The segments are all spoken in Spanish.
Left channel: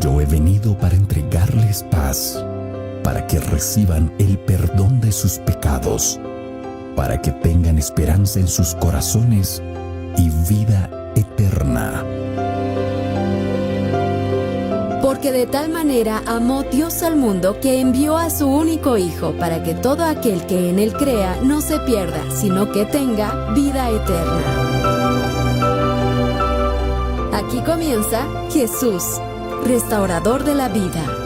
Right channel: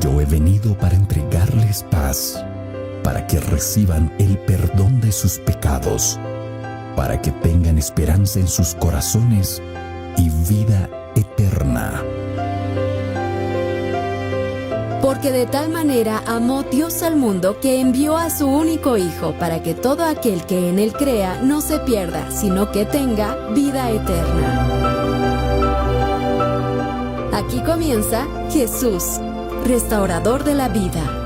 Yo he venido para entregarles paz, para que reciban el perdón de sus pecados, para que tengan esperanza en sus corazones y vida eterna. Porque de tal manera amó Dios al mundo que envió a su único Hijo para que todo aquel que en Él crea no se pierda, sino que tenga vida eterna. Aquí comienza Jesús, restaurador de la vida.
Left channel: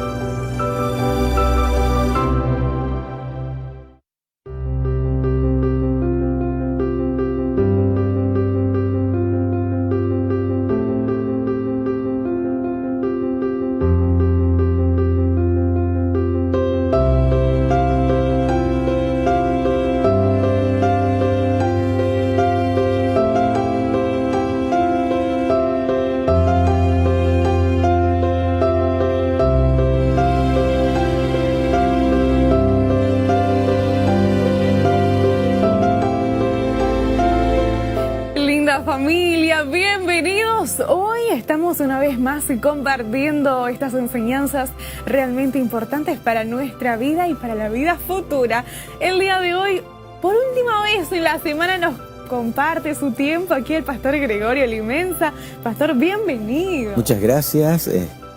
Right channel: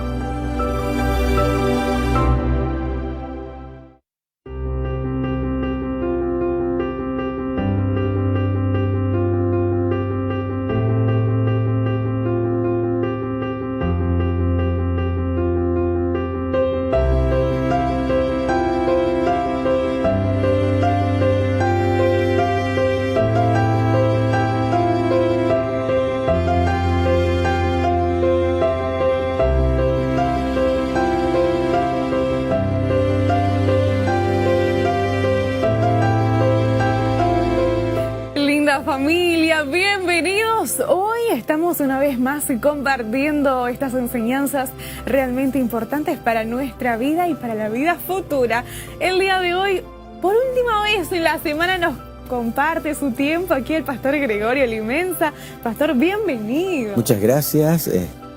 Familia, bienvenidos. Hoy estamos una vez más compartiendo estas enseñanzas realmente importantes para nuestra vida y para la vida futura. El día de hoy, por última vez en la semana, nos comparte su tiempo aquí el pastor Gregorio Limensa. Pastor, bienvenido. Muchas gracias,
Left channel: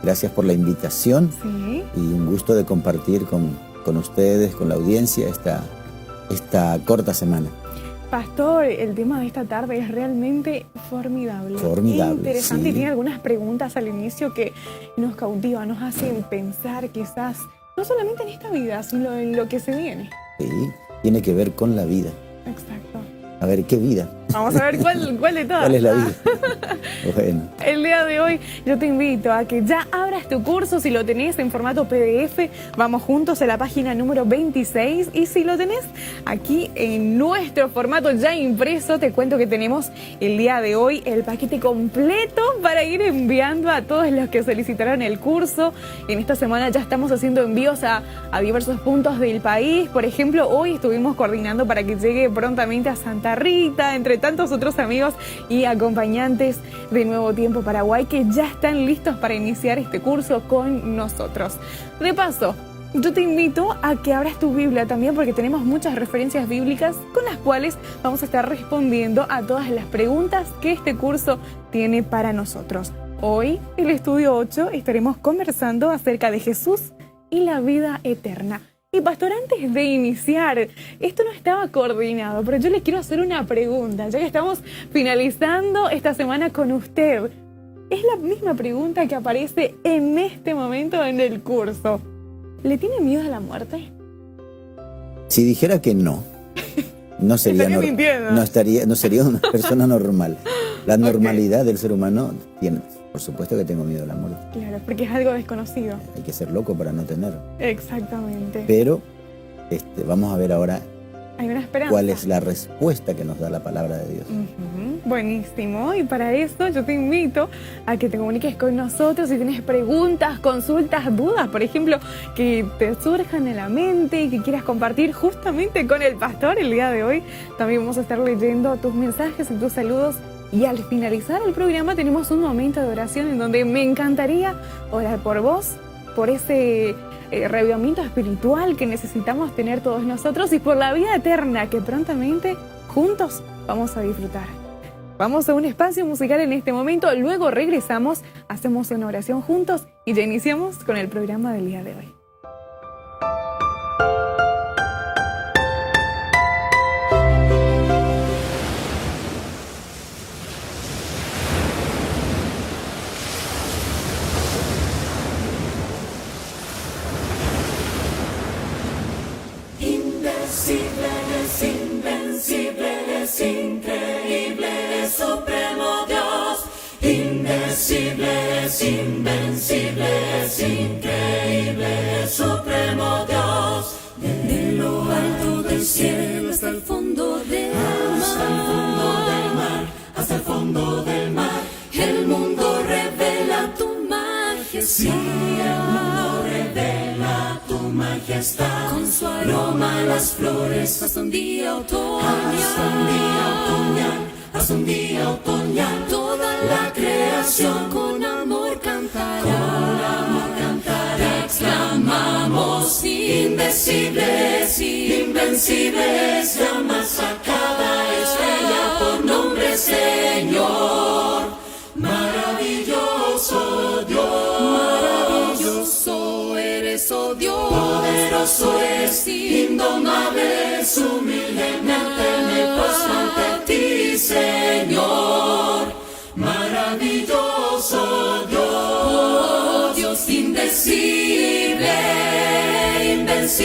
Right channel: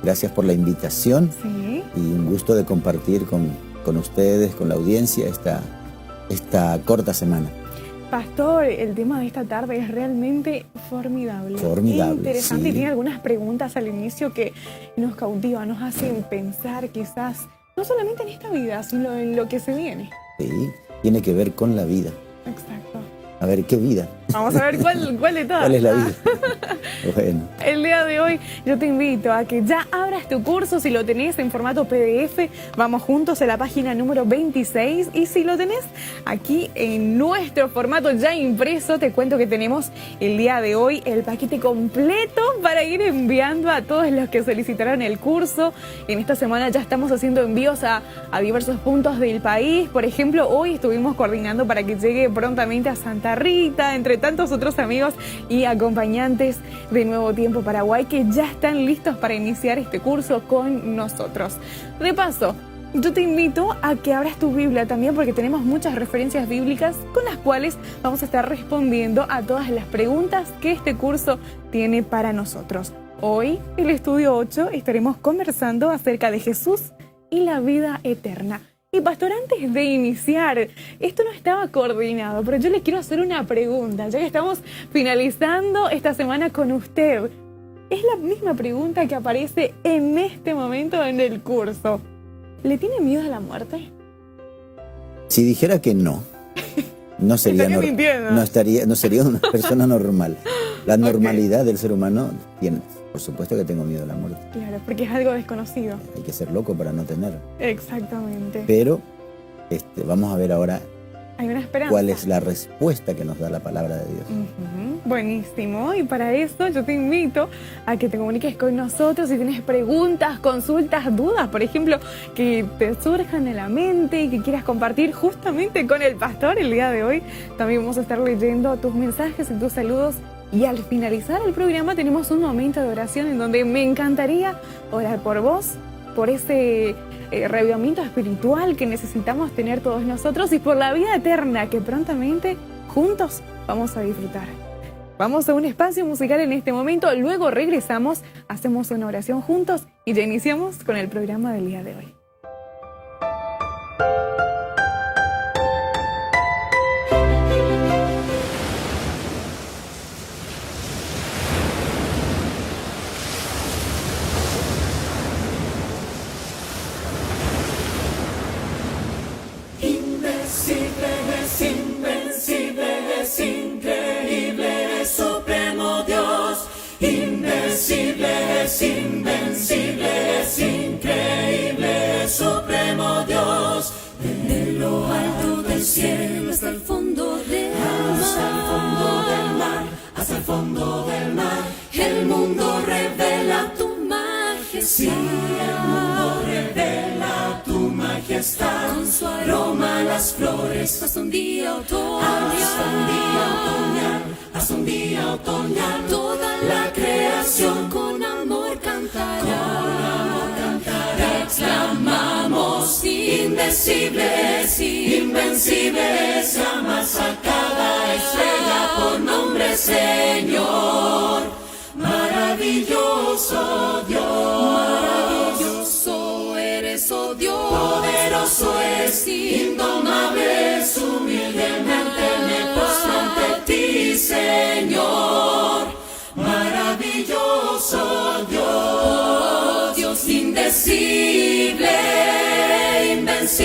gracias por la invitación. Sí. Y un gusto de compartir con ustedes, con la audiencia, esta corta semana. Pastor, el tema de esta tarde es realmente formidable. Formidable, interesante, sí. y tiene algunas preguntas al inicio que nos cautiva, nos hace pensar quizás, no solamente en esta vida, sino en lo que se viene. Sí, tiene que ver con la vida. Exacto. A ver, ¿qué vida? Vamos a ver cuál de todas. ¿Cuál es la vida? Bueno. El día de hoy yo te invito a que ya abras tu curso. Si lo tenés en formato PDF, vamos juntos a la página número 26. Y si lo tenés aquí en nuestro formato ya impreso, te cuento que tenemos el día de hoy el paquete completo para ir enviando a todos los que solicitaron el curso. En esta semana ya estamos haciendo envíos a diversos puntos del país. Por ejemplo, hoy estuvimos coordinando para que llegue prontamente a Santa Rita, entre tantos otros amigos y acompañantes de Nuevo Tiempo Paraguay que ya están listos para iniciar este curso con nosotros. De paso, yo te invito a que abras tu Biblia también, porque tenemos muchas referencias bíblicas con las cuales vamos a estar respondiendo a todas las preguntas que este curso tiene para nosotros. Hoy, en el estudio 8, estaremos conversando acerca de Jesús y la vida eterna. Y pastor, antes de iniciar, esto no estaba coordinado, pero yo le quiero hacer una pregunta, ya que estamos finalizando esta semana con usted. Es la misma pregunta que aparece en este momento en el curso. ¿Le tiene miedo a la muerte? Si dijera que no sería no sería una persona normal. La normalidad del ser humano tiene, por supuesto que tengo miedo a la muerte. Claro, porque es algo desconocido. Hay que ser loco para no tenerlo. Exactamente. Pero vamos a ver ahora Hay una esperanza. cuál es la respuesta que nos da la palabra de Dios. Buenísimo, y para eso yo te invito a que te comuniques con nosotros si tienes preguntas, consultas, dudas, por ejemplo, que te surjan en la mente y que quieras compartir justamente con el pastor el día de hoy. También vamos a estar leyendo tus mensajes y tus saludos. Y al finalizar el programa tenemos un momento de oración en donde me encantaría orar por vos, por ese reavivamiento espiritual que necesitamos tener todos nosotros y por la vida eterna que prontamente juntos vamos a disfrutar. Vamos a un espacio musical en este momento, luego regresamos, hacemos una oración juntos y ya iniciamos con el programa del día de hoy. Roma las flores, hasta un día otoñal, toda la creación con amor cantará. indecibles, invencibles, llamas a cada estrella por nombre, Señor. Maravilloso Dios, maravilloso eres, oh Dios. Poderoso es, indomable es, humildemente me postro ante ti, Señor. Maravilloso Dios, Dios indecible, invencible.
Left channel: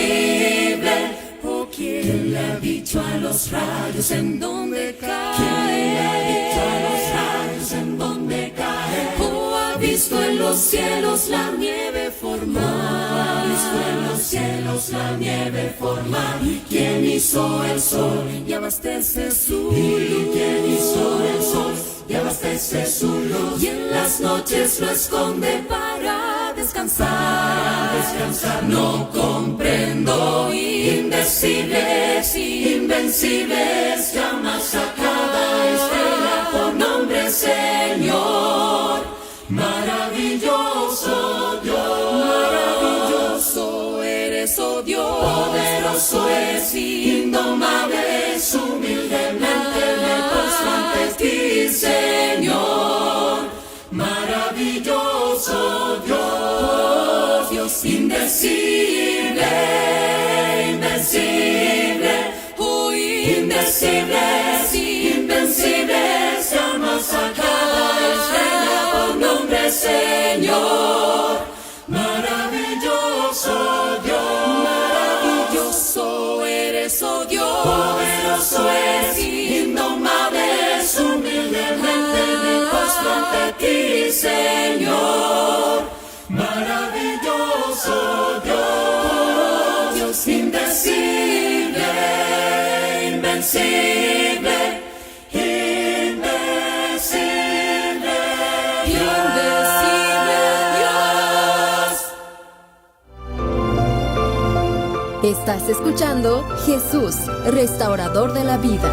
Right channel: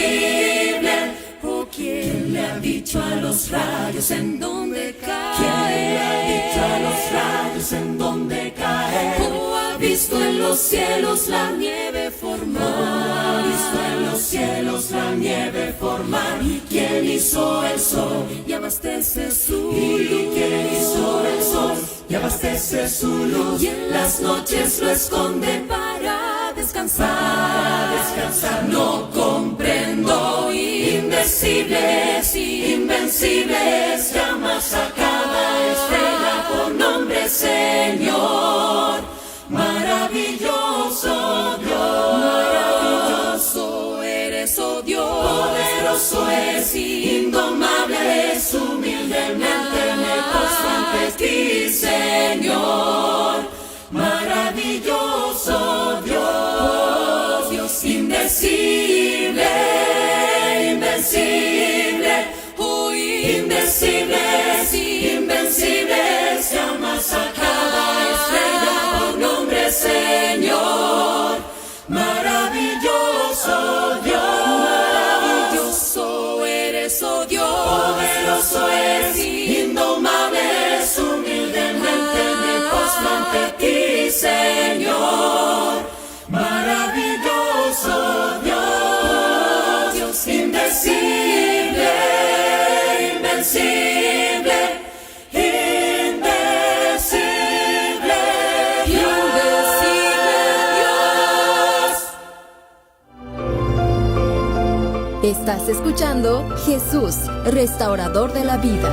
Oh, ¿quién le ha dicho a los rayos en dónde caer? ¿Quién le ha dicho a los rayos en dónde caer? ¿Cómo ha visto en los cielos la nieve formar? ¿Cómo ha visto en los cielos la nieve formar? ¿Y quién hizo el sol y abastece su luz? ¿Y quién hizo el sol y abastece su luz? Y en las noches lo esconde para descansar, descansar. No comprendo, indecibles, invencibles, llamas a cada estrella por nombre, Señor. Maravilloso Dios, maravilloso eres, oh Dios. Poderoso es, indomable es, humildemente me postro ante ti, Señor. Maravilloso Dios, Dios indecible, invencible, oh, indecibles, invencibles, llamas a cada estrella por nombre, Señor. Maravilloso Dios, maravilloso eres, oh Dios. Poderoso es, indomable es, humildemente me postro ante ti, Señor. Maravilloso Dios, Dios indecible, invencible, indecible, Dios. Estás escuchando Jesús, restaurador de la vida.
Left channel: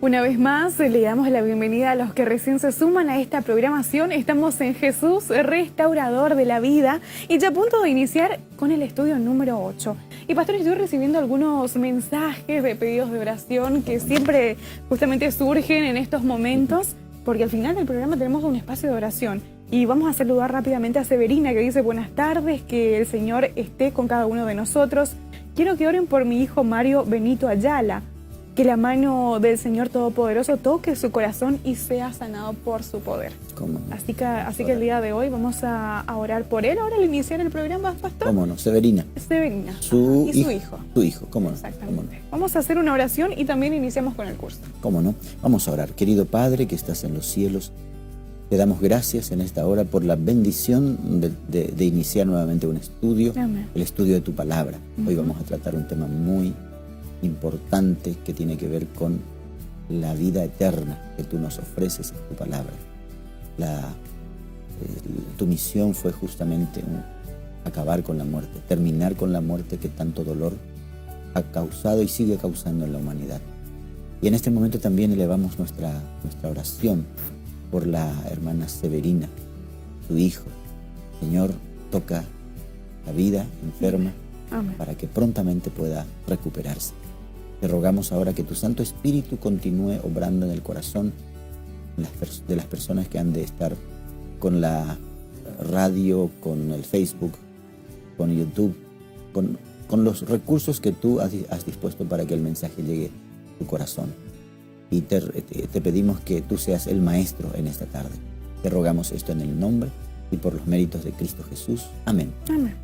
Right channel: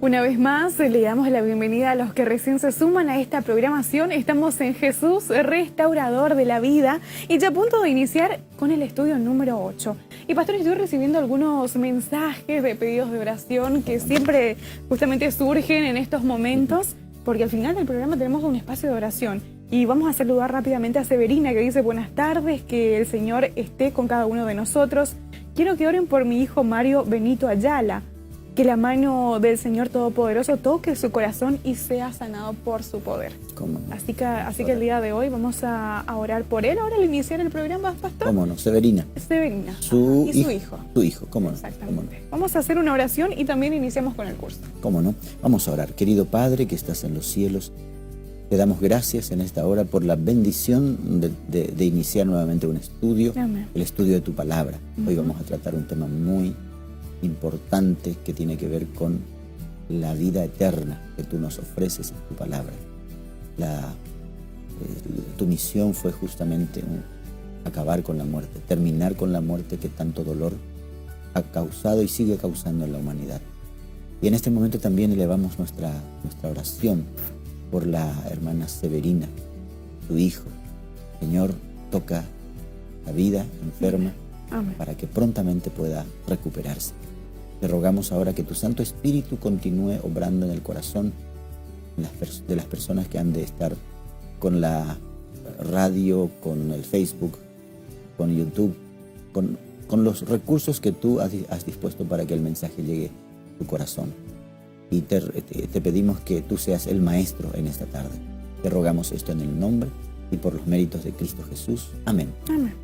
Una vez más, le damos la bienvenida a los que recién se suman a esta programación. Estamos en Jesús, restaurador de la vida, y ya a punto de iniciar con el estudio número 8. Y pastor, estoy recibiendo algunos mensajes de pedidos de oración que siempre justamente surgen en estos momentos, porque al final del programa tenemos un espacio de oración. Y vamos a saludar rápidamente a Severina, que dice: buenas tardes, que el Señor esté con cada uno de nosotros. Quiero que oren por mi hijo Mario Benito Ayala. Que la mano del Señor Todopoderoso toque su corazón y sea sanado por su poder. ¿Cómo no? Así que el día de hoy vamos a orar por él. Ahora al iniciar el programa, pastor. ¿Cómo no? Severina. Severina. Su y su hijo. hijo. Su hijo, ¿cómo no? Exactamente. ¿Cómo no? Vamos a hacer una oración y también iniciamos con el curso. ¿Cómo no? Vamos a orar. Querido Padre que estás en los cielos, te damos gracias en esta hora por la bendición de iniciar nuevamente un estudio. Amén. El estudio de tu palabra. Hoy vamos a tratar un tema muy importante que tiene que ver con la vida eterna que tú nos ofreces en tu palabra. Tu misión fue justamente acabar con la muerte, terminar con la muerte que tanto dolor ha causado y sigue causando en la humanidad. Y en este momento también elevamos nuestra oración por la hermana Severina, su hijo. Señor, toca la vida enferma. Amén. Para que prontamente pueda recuperarse. Te rogamos ahora que tu Santo Espíritu continúe obrando en el corazón de las personas que han de estar con la radio, con el Facebook, con YouTube, con los recursos que tú has dispuesto para que el mensaje llegue a tu corazón. Y te pedimos que tú seas el maestro en esta tarde. Te rogamos esto en el nombre y por los méritos de Cristo Jesús. Amén. Amén.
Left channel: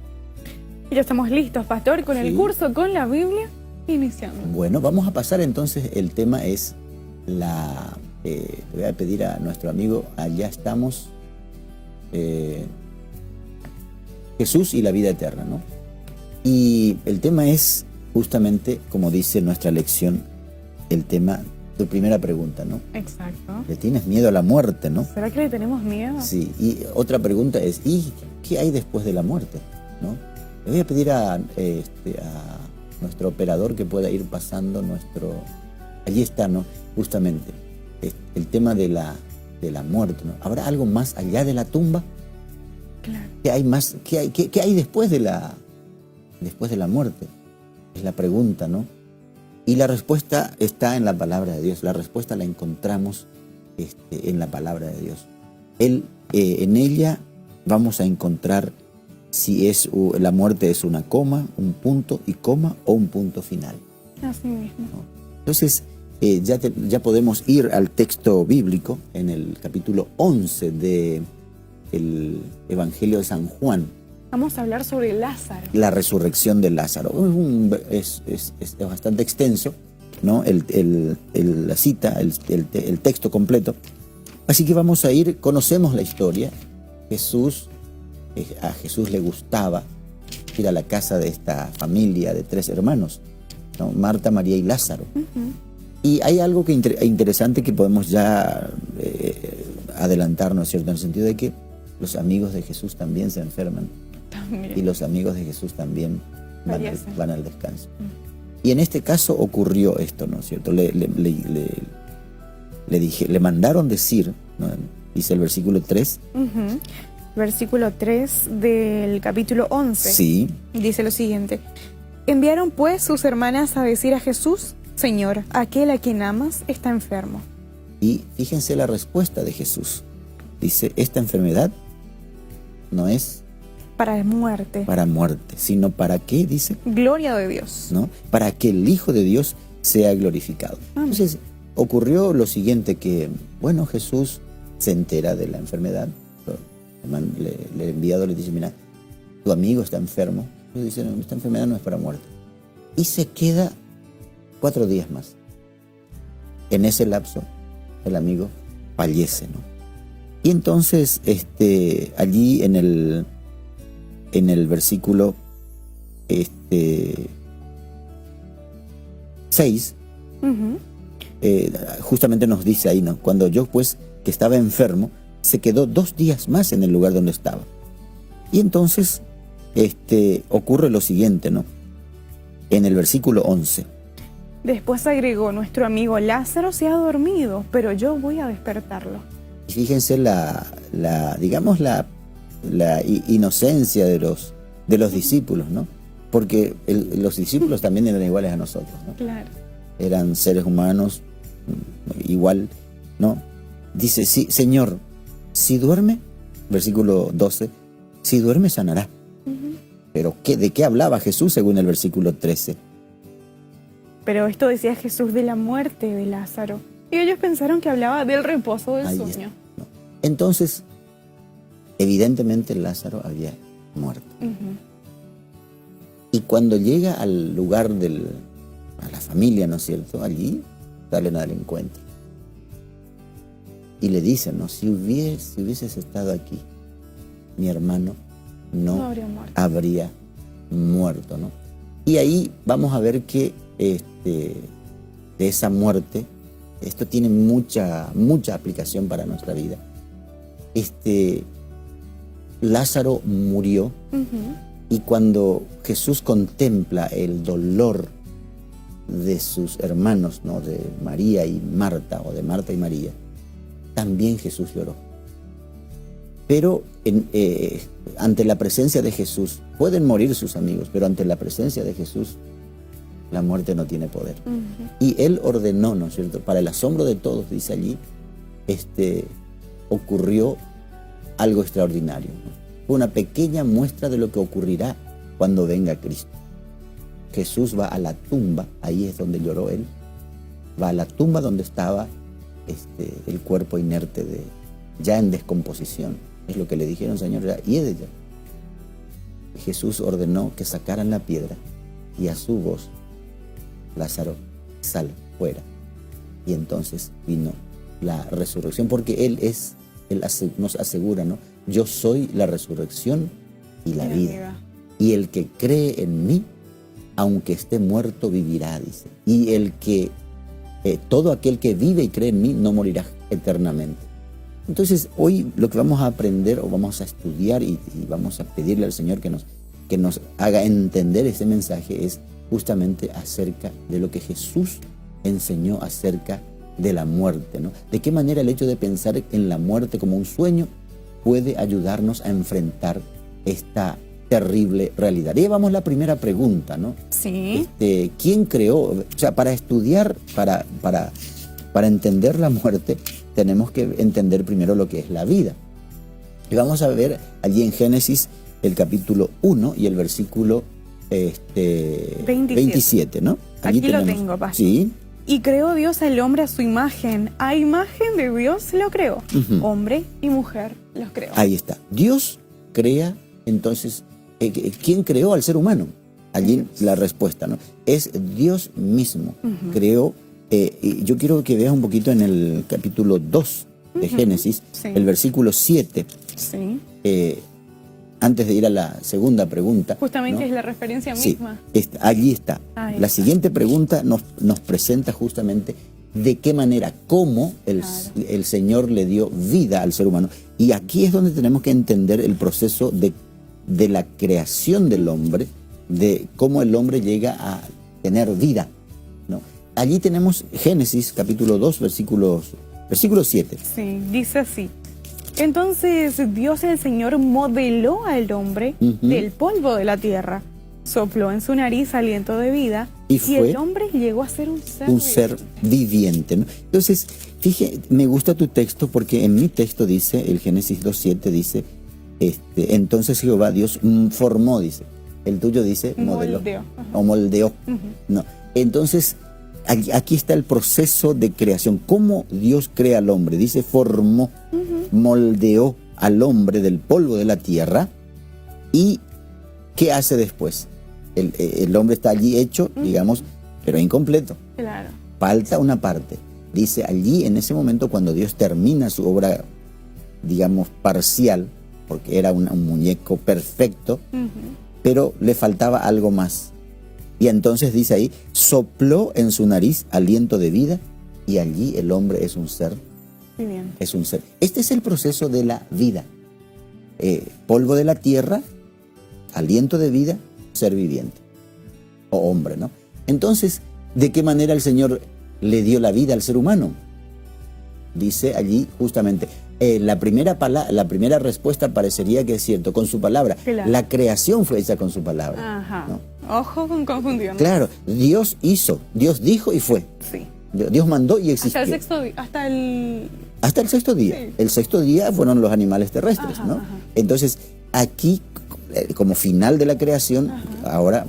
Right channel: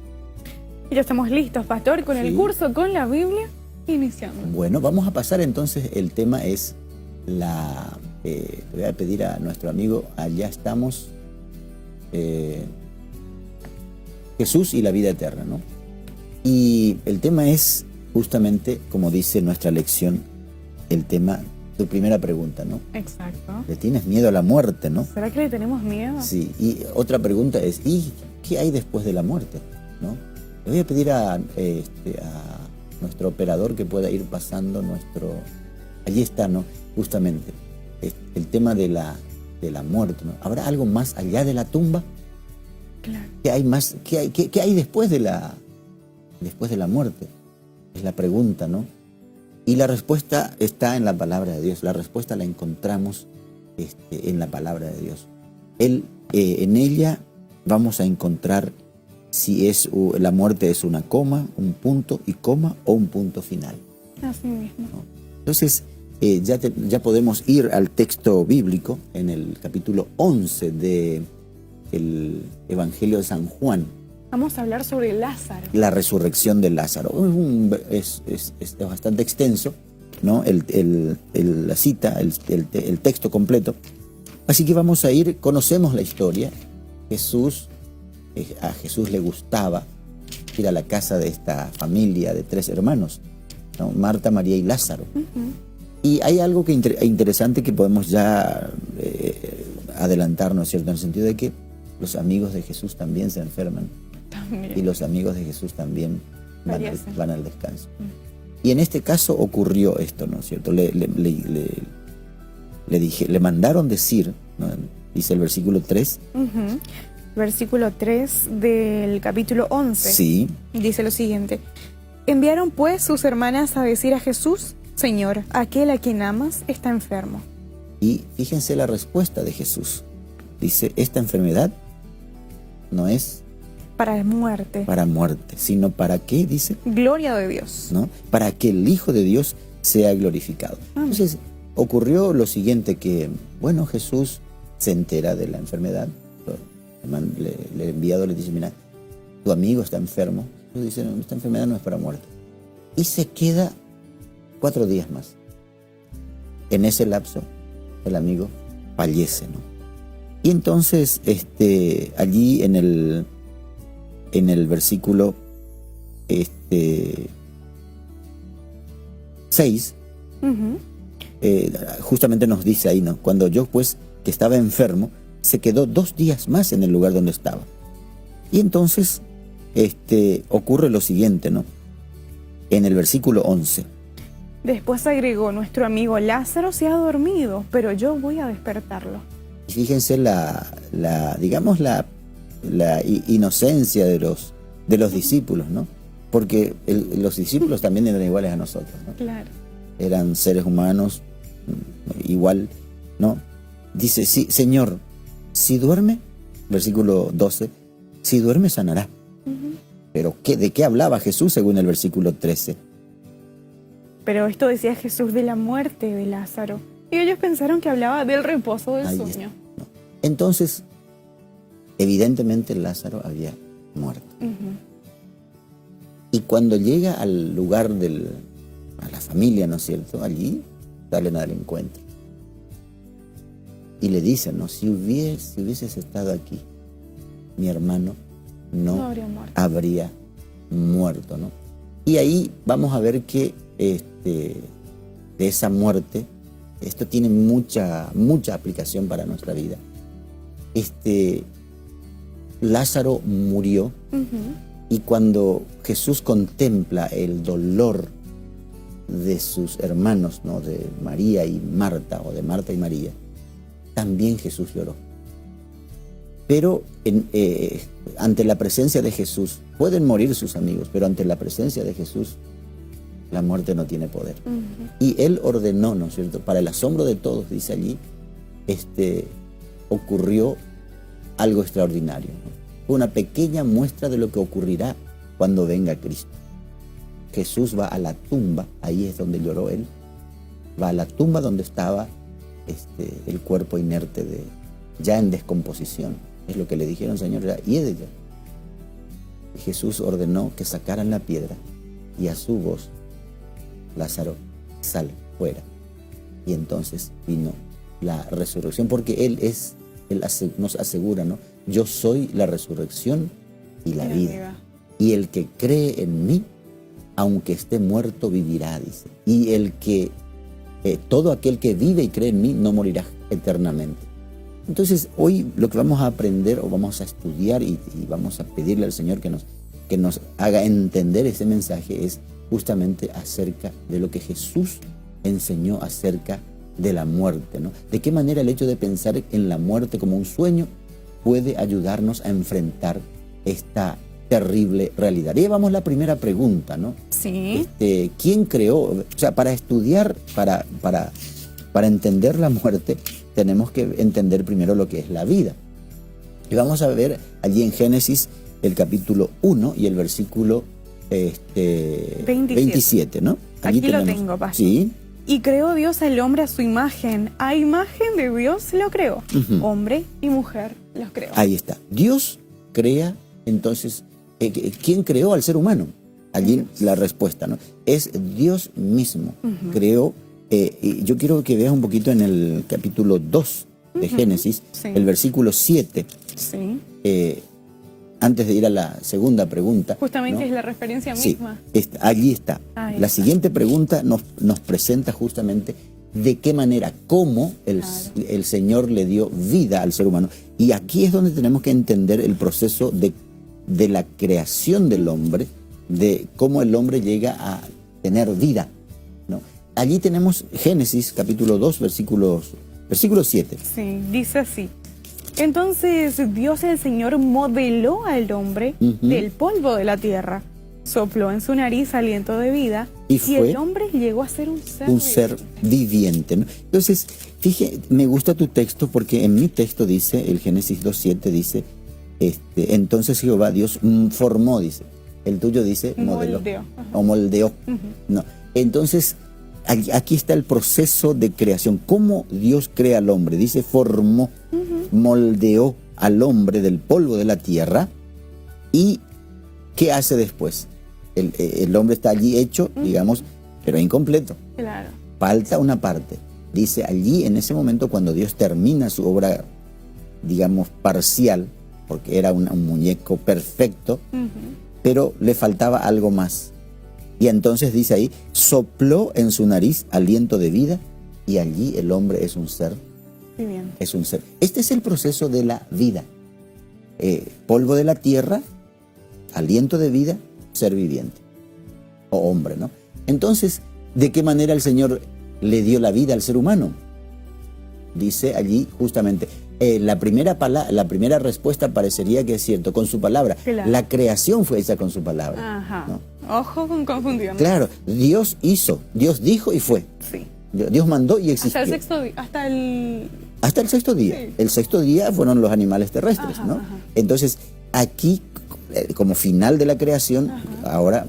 Y ya estamos listos, pastor, con el curso, con la Biblia. Iniciamos. Bueno, vamos a pasar entonces. El tema es le voy a pedir a nuestro amigo, allá estamos, Jesús y la vida eterna, ¿no? Y el tema es justamente, como dice nuestra lección, el tema, tu primera pregunta, ¿no? Exacto. ¿Le tienes miedo a la muerte, no? ¿Será que le tenemos miedo? Sí, y otra pregunta es, ¿y qué hay después de la muerte? ¿No? Le voy a pedir a nuestro operador que pueda ir pasando allí está, ¿no? Justamente el tema de la muerte, ¿no? ¿Habrá algo más allá de la tumba? Claro. ¿Qué hay más? ¿Qué hay después de la muerte? Es la pregunta, ¿no? Y la respuesta está en la palabra de Dios. La respuesta la encontramos en la palabra de Dios. En ella vamos a encontrar si la muerte es una coma, un punto y coma o un punto final. Así mismo. ¿No? Entonces, ya podemos ir al texto bíblico en el capítulo 11 del Evangelio de San Juan. Vamos a hablar sobre Lázaro. La resurrección de Lázaro. Es bastante extenso, ¿no? La cita, el texto completo. Así que vamos a conocemos la historia. A Jesús le gustaba ir a la casa de esta familia de 3 hermanos, ¿no? Marta, María y Lázaro. Y hay algo interesante que podemos ya adelantarnos, ¿cierto? En el sentido de que los amigos de Jesús también se enferman. Y los amigos de Jesús también van al descanso. Y en este caso ocurrió esto, ¿no es cierto? Le mandaron decir, ¿no? Dice el versículo 3. Versículo 3 del capítulo 11. Sí. Dice lo siguiente: enviaron pues sus hermanas a decir a Jesús: Señor, aquel a quien amas está enfermo. Y fíjense la respuesta de Jesús. Dice, esta enfermedad no es para muerte, sino para qué, dice, gloria de Dios, ¿no? Para que el Hijo de Dios sea glorificado. Entonces ocurrió lo siguiente, que bueno, Jesús se entera de la enfermedad. El enviado le dice, mira, tu amigo está enfermo. Le dice, no, esta enfermedad no es para muerte. Y se queda 4 días más. En ese lapso el amigo fallece, ¿no? Y entonces allí en el versículo 6 justamente nos dice ahí, ¿no? Cuando yo pues que estaba enfermo, se quedó 2 días más en el lugar donde estaba. Y entonces ocurre lo siguiente, ¿no? En el versículo 11. Después agregó, nuestro amigo Lázaro se ha dormido, pero yo voy a despertarlo. Y fíjense digamos la inocencia de los discípulos, ¿no? Porque los discípulos también eran iguales a nosotros, ¿no? Claro. Eran seres humanos igual, ¿no? Dice, sí, Señor, si duerme, versículo 12, si duerme sanará. Pero ¿de qué hablaba Jesús según el versículo 13? Pero esto decía Jesús de la muerte de Lázaro. Y ellos pensaron que hablaba del reposo del sueño. No. Entonces, evidentemente Lázaro había muerto. Y cuando llega al lugar a la familia, ¿no es cierto? Allí salen al encuentro. Y le dicen, ¿no? Si hubieses estado aquí, mi hermano no habría muerto, ¿no? Y ahí vamos a ver que de esa muerte, esto tiene mucha aplicación para nuestra vida. Lázaro murió, y cuando Jesús contempla el dolor de sus hermanos, ¿no? De María y Marta, o de Marta y María, también Jesús lloró. Pero ante la presencia de Jesús, pueden morir sus amigos, pero ante la presencia de Jesús, la muerte no tiene poder. Y Él ordenó, ¿no es cierto? Para el asombro de todos, dice allí, ocurrió algo extraordinario, ¿no? Fue una pequeña muestra de lo que ocurrirá cuando venga Cristo. Jesús va a la tumba, ahí es donde lloró Él, va a la tumba donde estaba el cuerpo inerte ya en descomposición. Es lo que le dijeron, Señor, y ella. Jesús ordenó que sacaran la piedra, y a su voz, Lázaro, sal fuera. Y entonces vino la resurrección, porque Él nos asegura, ¿no? Yo soy la resurrección y la vida. Y el que cree en mí, aunque esté muerto, vivirá, dice. Y todo aquel que vive y cree en mí no morirá eternamente. Entonces hoy lo que vamos a aprender, o vamos a estudiar y vamos a pedirle al Señor que nos haga entender ese mensaje, es justamente acerca de lo que Jesús enseñó acerca de la muerte, ¿no? De qué manera el hecho de pensar en la muerte como un sueño puede ayudarnos a enfrentar esta terrible realidad. Y llevamos la primera pregunta, ¿no? Sí. ¿Quién creó? O sea, para estudiar, para entender la muerte, tenemos que entender primero lo que es la vida. Y vamos a ver allí en Génesis el capítulo 1 y el versículo 27, ¿no? Allí lo tengo, pastor. Sí. Y creó Dios al hombre a su imagen. A imagen de Dios lo creó. Hombre y mujer los creó. Ahí está. Dios crea, entonces, ¿quién creó al ser humano? Allí la respuesta, ¿no? Es Dios mismo. Creó, y yo quiero que veas un poquito en el capítulo 2 de Génesis, Sí. el versículo 7. Sí. Antes de ir a la segunda pregunta. Justamente ¿no? es la referencia Sí, misma. allí está. Ahí La está. siguiente pregunta nos presenta justamente de qué manera, cómo el Señor le dio vida al ser humano. Y aquí es donde tenemos que entender el proceso de la creación del hombre, de cómo el hombre llega a tener vida, ¿no? Allí tenemos Génesis capítulo 2, versículo 7. Sí, dice así. Entonces Dios el Señor modeló al hombre del polvo de la tierra, sopló en su nariz aliento de vida Y fue el hombre llegó a ser un ser viviente, ¿no? Entonces, fíjate, me gusta tu texto porque en mi texto dice, el Génesis 2.7 dice, entonces Jehová Dios formó, dice. El tuyo dice modeló. Moldeó. Ajá. O moldeó. No. Entonces, aquí está el proceso de creación. ¿Cómo Dios crea al hombre? Dice, formó, moldeó al hombre del polvo de la tierra. ¿Y qué hace después? El hombre está allí hecho, digamos, pero incompleto. Claro. Falta una parte. Dice allí, en ese momento, cuando Dios termina su obra, digamos, parcial, porque era un muñeco perfecto, pero le faltaba algo más. Y entonces dice ahí, sopló en su nariz aliento de vida, y allí el hombre es un ser. Muy bien. Es un ser. Este es el proceso de la vida. Polvo de la tierra, aliento de vida, ser viviente. O hombre, ¿no? Entonces, ¿de qué manera el Señor le dio la vida al ser humano? Dice allí justamente, la primera respuesta parecería que es cierto, con su palabra. Claro. La creación fue hecha con su palabra. Ajá. ¿no? Ojo con confundirnos. Claro, Dios hizo, Dios dijo y fue. Sí. Dios mandó y existió. Hasta el sexto día, Hasta el sexto día. Sí. El sexto día fueron los animales terrestres, Ajá, ¿no? ajá. Entonces, aquí, como final de la creación, ahora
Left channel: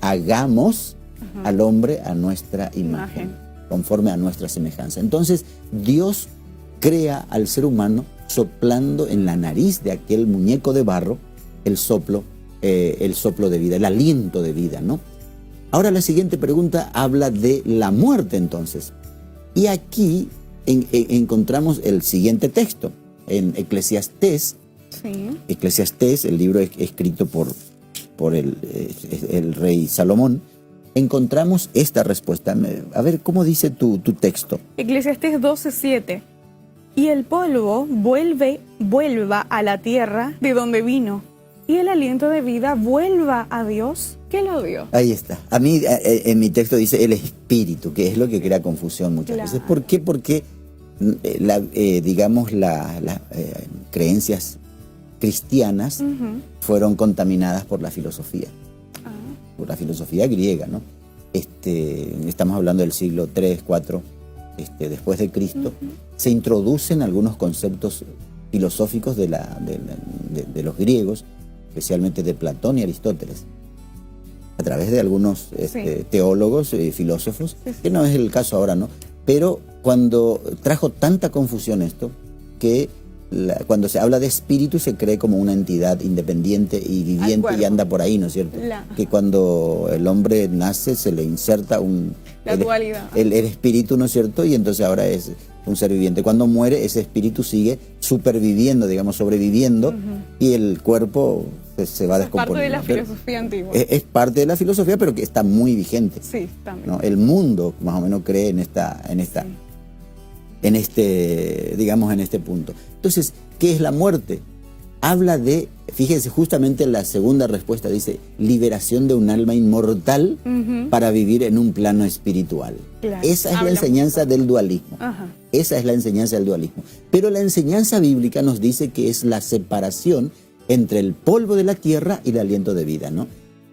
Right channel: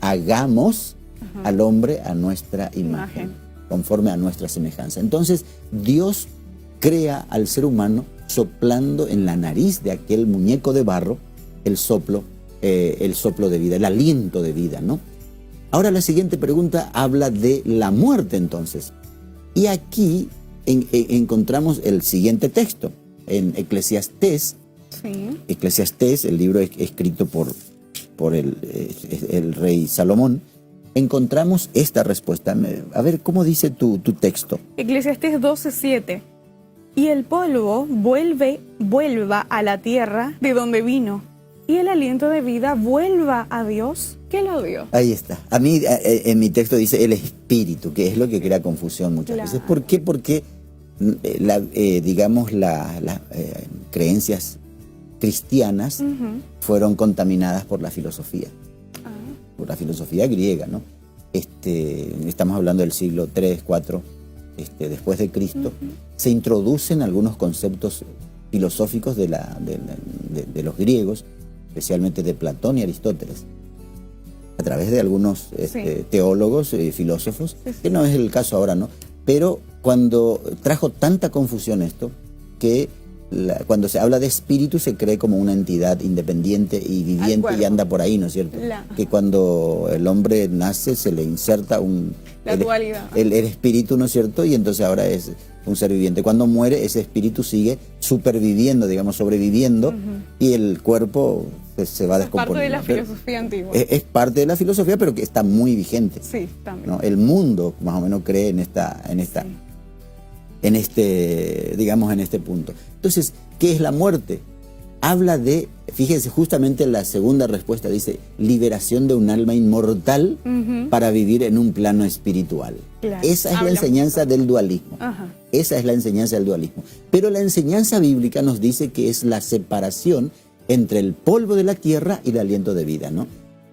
hagamos al hombre a nuestra imagen, conforme a nuestra semejanza. Entonces, Dios crea al ser humano soplando en la nariz de aquel muñeco de barro el soplo de vida, el aliento de vida, ¿no? Ahora la siguiente pregunta habla de la muerte, entonces. Y aquí encontramos el siguiente texto, en Eclesiastés. Sí. Eclesiastés, el libro escrito por el rey Salomón, encontramos esta respuesta. A ver, ¿cómo dice tu texto? Eclesiastés 12:7. Y el polvo vuelva a la tierra de donde vino, y el aliento de vida vuelva a Dios que lo dio. Ahí está. A mí, en mi texto dice el espíritu, que es lo que crea confusión muchas veces. ¿Por qué? Porque, digamos, las creencias cristianas fueron contaminadas por la filosofía. Por la filosofía griega, ¿no? Estamos hablando del siglo 3, 4, después de Cristo. Se introducen algunos conceptos filosóficos de los griegos, especialmente de Platón y Aristóteles, a través de algunos teólogos y filósofos, que no es el caso ahora, ¿no? Pero cuando trajo tanta confusión esto, que cuando se habla de espíritu se cree como una entidad independiente y viviente y anda por ahí, ¿no es cierto? Que cuando el hombre nace se le inserta el espíritu, ¿no es cierto? Y entonces ahora es un ser viviente. Cuando muere, ese espíritu sigue superviviendo, digamos, sobreviviendo, y el cuerpo se va descomponiendo. Es parte de la filosofía antigua. Es parte de la filosofía, pero que está muy vigente. Sí, también. ¿no? El mundo más o menos cree en este punto. Entonces, ¿qué es la muerte? habla de, fíjense, justamente la segunda respuesta dice, liberación de un alma inmortal para vivir en un plano espiritual. Claro. Esa es la enseñanza del dualismo. Ajá. Esa es la enseñanza del dualismo. Pero la enseñanza bíblica nos dice que es la separación entre el polvo de la tierra y el aliento de vida, ¿no?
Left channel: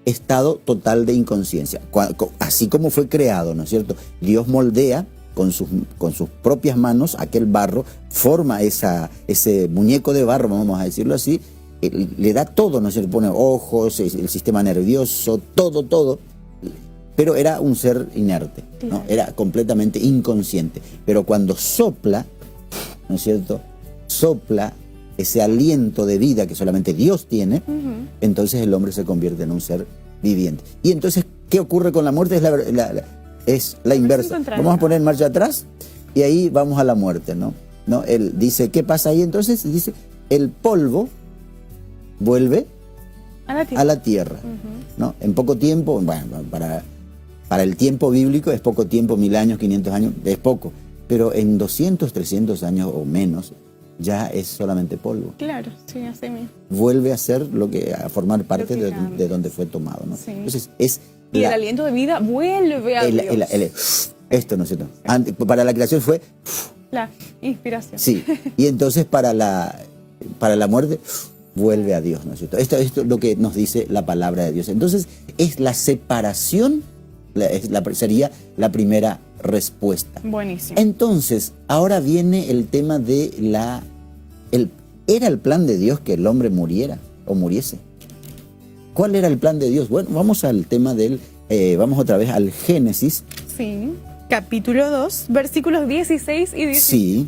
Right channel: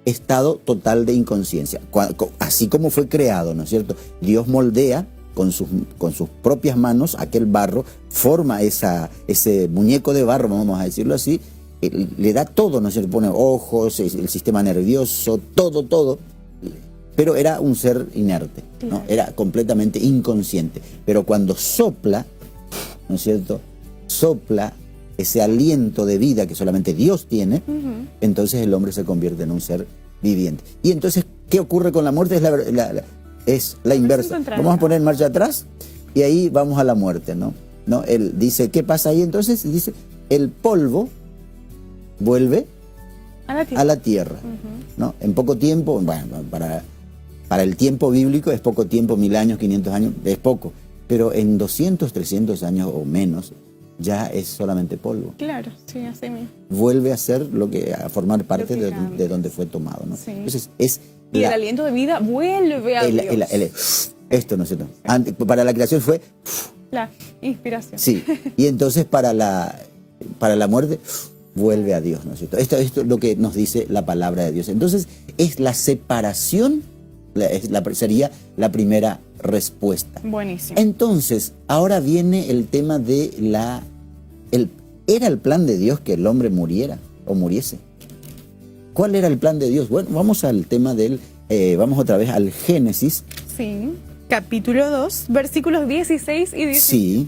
Estado total de inconsciencia. Así como fue creado, ¿no es cierto? Dios moldea con sus propias manos aquel barro, forma ese muñeco de barro, vamos a decirlo así, le da todo, ¿no es cierto? Pone ojos, el sistema nervioso, todo. Pero era un ser inerte, ¿no? Era completamente inconsciente. Pero cuando sopla, ¿no es cierto? Sopla ese aliento de vida que solamente Dios tiene, entonces el hombre se convierte en un ser viviente. Y entonces, ¿qué ocurre con la muerte? Es la inversa. Vamos a poner marcha atrás y ahí vamos a la muerte, ¿no? Él dice, ¿qué pasa ahí? Entonces dice, el polvo vuelve a la tierra, ¿no? En poco tiempo, bueno, para el tiempo bíblico es poco tiempo, 1000 años, 500 años, es poco. Pero en 200, 300 años o menos, ya es solamente polvo. Claro, sí, así mismo. Vuelve a ser a formar parte de donde fue tomado, ¿no? Sí. Entonces Y el aliento de vida vuelve a Dios. Esto, ¿no es cierto? Para la creación fue La inspiración. sí, y entonces para la muerte vuelve a Dios, ¿no es cierto? Esto es lo que nos dice la palabra de Dios. Entonces es la separación, sería la primera respuesta. Buenísimo. Entonces, ahora viene el tema de ¿era el plan de Dios que el hombre muriera o muriese? ¿Cuál era el plan de Dios? Bueno, vamos al tema vamos otra vez al Génesis. Sí, capítulo 2, versículos 16 y 17. Sí,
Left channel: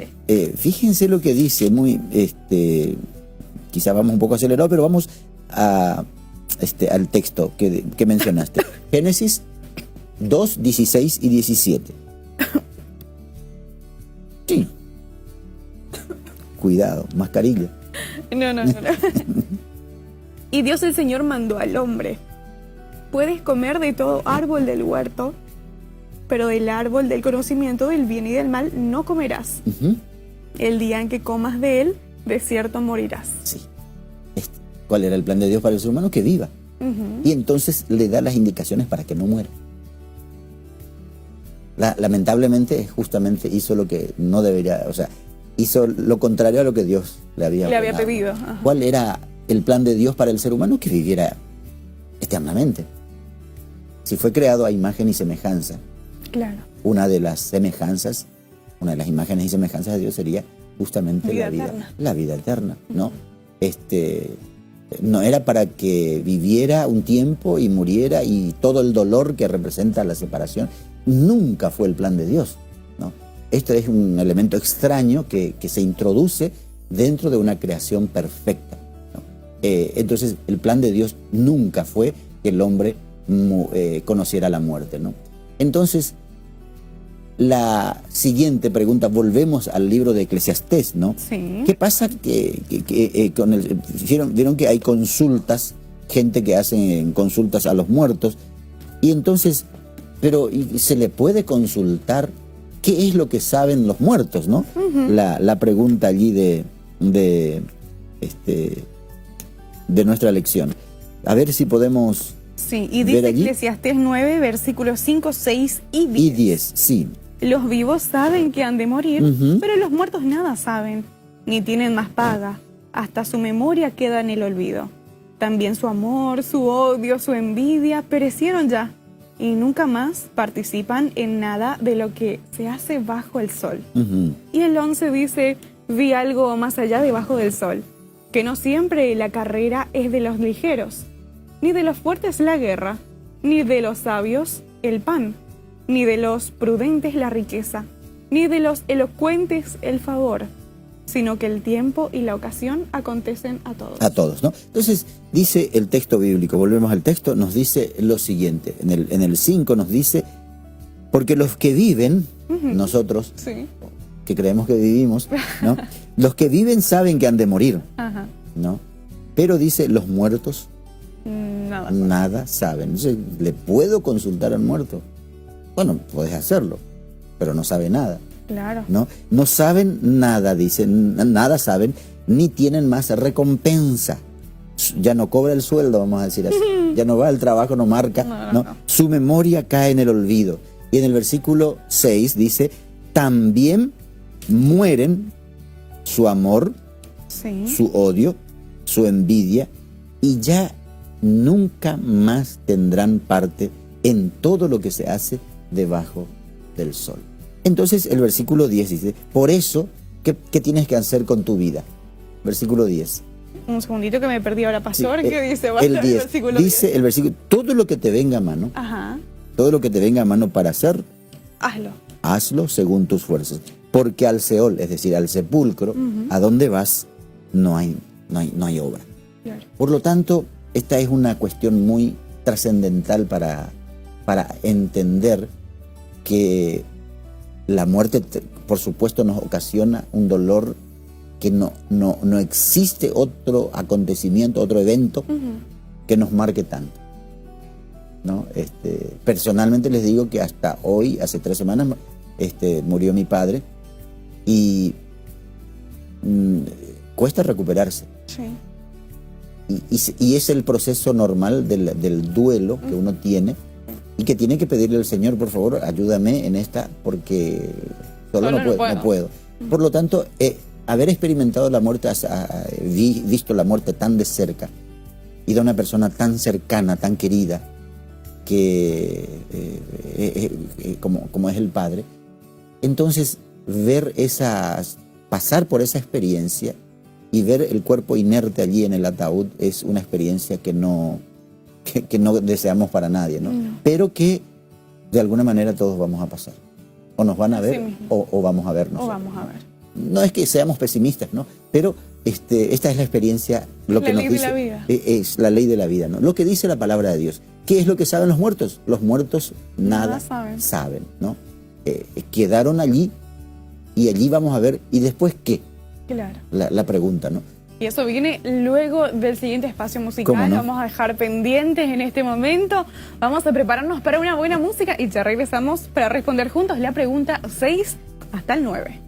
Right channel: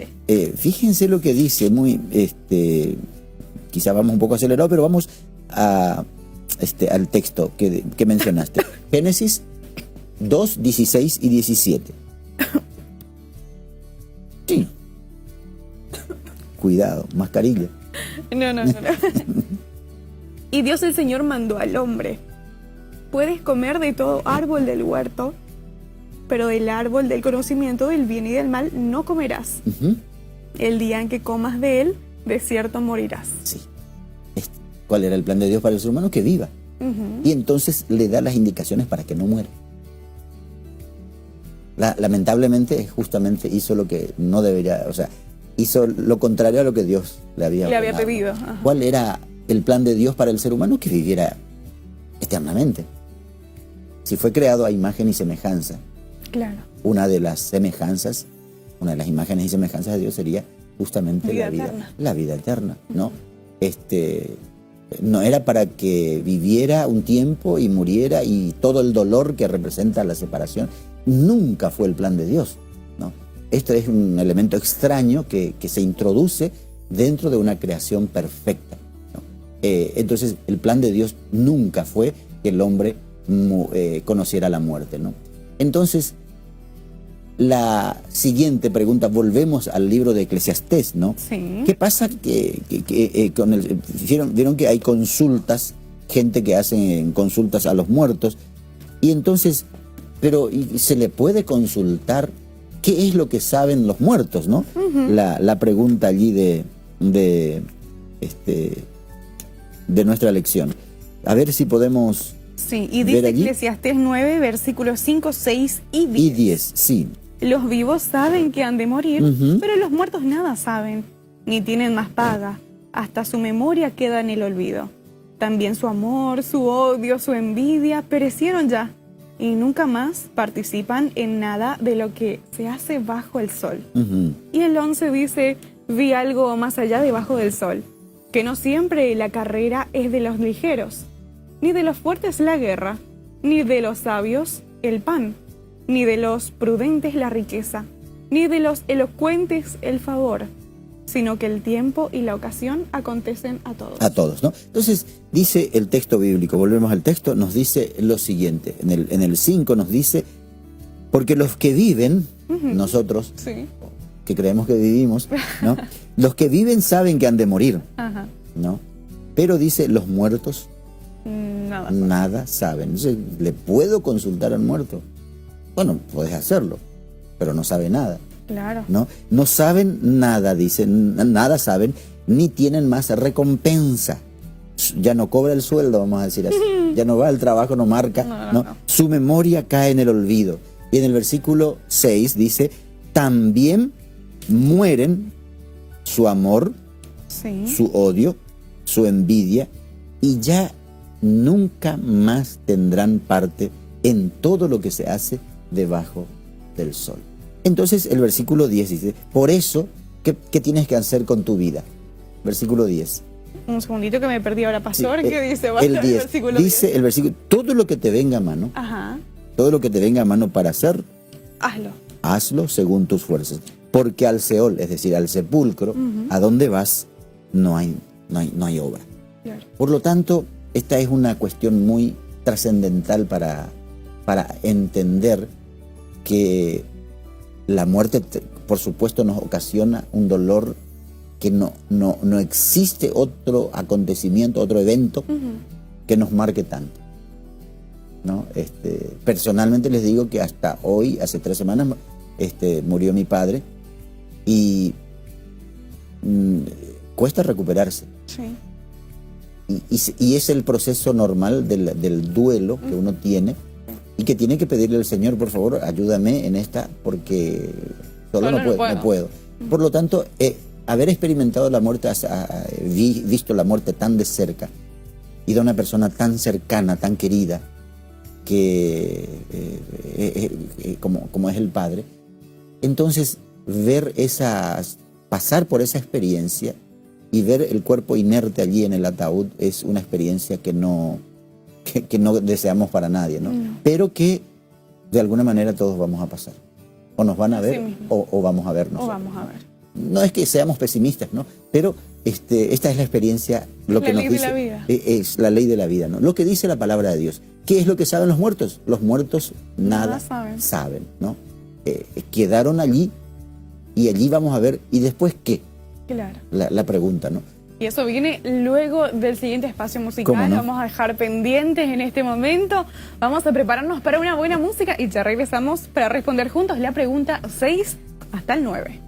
fíjense lo que dice, quizá vamos un poco acelerado, pero vamos al texto que mencionaste. Génesis 2, 16 y 17. Sí. Cuidado, mascarilla. No. Y Dios el Señor mandó al hombre: puedes comer de todo árbol del huerto, pero del árbol del conocimiento del bien y del mal no comerás. El día en que comas de él, de cierto morirás. Sí. ¿Cuál era el plan de Dios para el ser humano? Que viva. Y entonces le da las indicaciones para que no muera. Lamentablemente, justamente hizo lo que no debería, o sea, hizo lo contrario a lo que Dios le había pedido. Ajá. ¿Cuál era el plan de Dios para el ser humano? Que viviera eternamente. Si fue creado a imagen y semejanza. Claro. Una de las imágenes y semejanzas de Dios sería justamente la vida eterna, ¿no? No era para que viviera un tiempo y muriera y todo el dolor que representa la separación. Nunca fue el plan de Dios, ¿no? Este es un elemento extraño que se introduce dentro de una creación perfecta, ¿no? Entonces, el plan de Dios nunca fue que el hombre conociera la muerte, ¿no? Entonces, la siguiente pregunta, volvemos al libro de Eclesiastés, ¿no? Sí. ¿Qué pasa vieron que hay consultas, gente que hace consultas a los muertos, y entonces, pero se le puede consultar qué es lo que saben los muertos, ¿no? La pregunta allí de nuestra lección. A ver si podemos. Sí, y dice Eclesiastés 9, versículos 5, 6 y 10. Y 10, sí. Los vivos saben que han de morir, pero los muertos nada saben, ni tienen más paga. Hasta su memoria queda en el olvido. También su amor, su odio, su envidia perecieron ya, y nunca más participan en nada de lo que se hace bajo el sol. Y el 11 dice: vi algo más allá debajo del sol, que no siempre la carrera es de los ligeros, ni de los fuertes la guerra, ni de los sabios el pan, ni de los prudentes la riqueza, ni de los elocuentes el favor, sino que el tiempo y la ocasión acontecen a todos. A todos, ¿no? Entonces, dice el texto bíblico, volvemos al texto, nos dice lo siguiente, en el 5 nos dice: porque los que viven, nosotros, Sí. que creemos que vivimos, ¿no? Los que viven saben que han de morir, Ajá. ¿no? Pero dice, los muertos nada saben. Entonces, ¿le puedo consultar al muerto? Bueno, puedes hacerlo, pero no sabe nada. Claro. No saben nada, dicen, nada saben, ni tienen más recompensa. Ya no cobra el sueldo, vamos a decir así. Ya no va al trabajo, no marca. No. Su memoria cae en el olvido. Y en el versículo 6 dice, también mueren su amor, Sí. su odio, su envidia, y ya nunca más tendrán parte en todo lo que se hace debajo del sol. Entonces el versículo 10 dice, por eso, ¿qué tienes que hacer con tu vida? Versículo 10. Un segundito que me perdí ahora, pastor. ¿Qué dice? El 10. Dice el versículo, todo lo que te venga a mano, Ajá. todo lo que te venga a mano para hacer, Hazlo. hazlo según tus fuerzas. Porque al Seol, es decir, al sepulcro, a donde vas, no hay obra. Claro. Por lo tanto, esta es una cuestión muy trascendental para entender que la muerte, por supuesto, nos ocasiona un dolor que no existe otro acontecimiento, otro evento que nos marque tanto, ¿no? Personalmente les digo que hasta hoy, hace 3 semanas, murió mi padre y cuesta recuperarse. Sí. Y es el proceso normal del duelo que uno tiene y que tiene que pedirle al Señor, por favor, ayúdame en esta porque solo no puedo. Por lo tanto, haber experimentado la muerte, visto la muerte tan de cerca y de una persona tan cercana, tan querida, que como es el Padre, entonces pasar por esa experiencia y ver el cuerpo inerte allí en el ataúd es una experiencia que no deseamos para nadie, ¿no? Pero que de alguna manera todos vamos a pasar. O nos van a ver o vamos a vernos. O vamos a ver. No es que seamos pesimistas, ¿no? Pero esta es la experiencia, lo que nos dice. La vida. Es la ley de la vida, ¿no? Lo que dice la palabra de Dios. ¿Qué es lo que saben los muertos? Los muertos nada saben, ¿no? Quedaron allí y allí vamos a ver. ¿Y después qué? Claro. La pregunta, ¿no? Y eso viene luego del siguiente espacio musical. ¿Cómo no? Vamos a dejar pendientes en este momento. Vamos a prepararnos para una buena música y ya regresamos para responder juntos la pregunta 6 hasta el 9.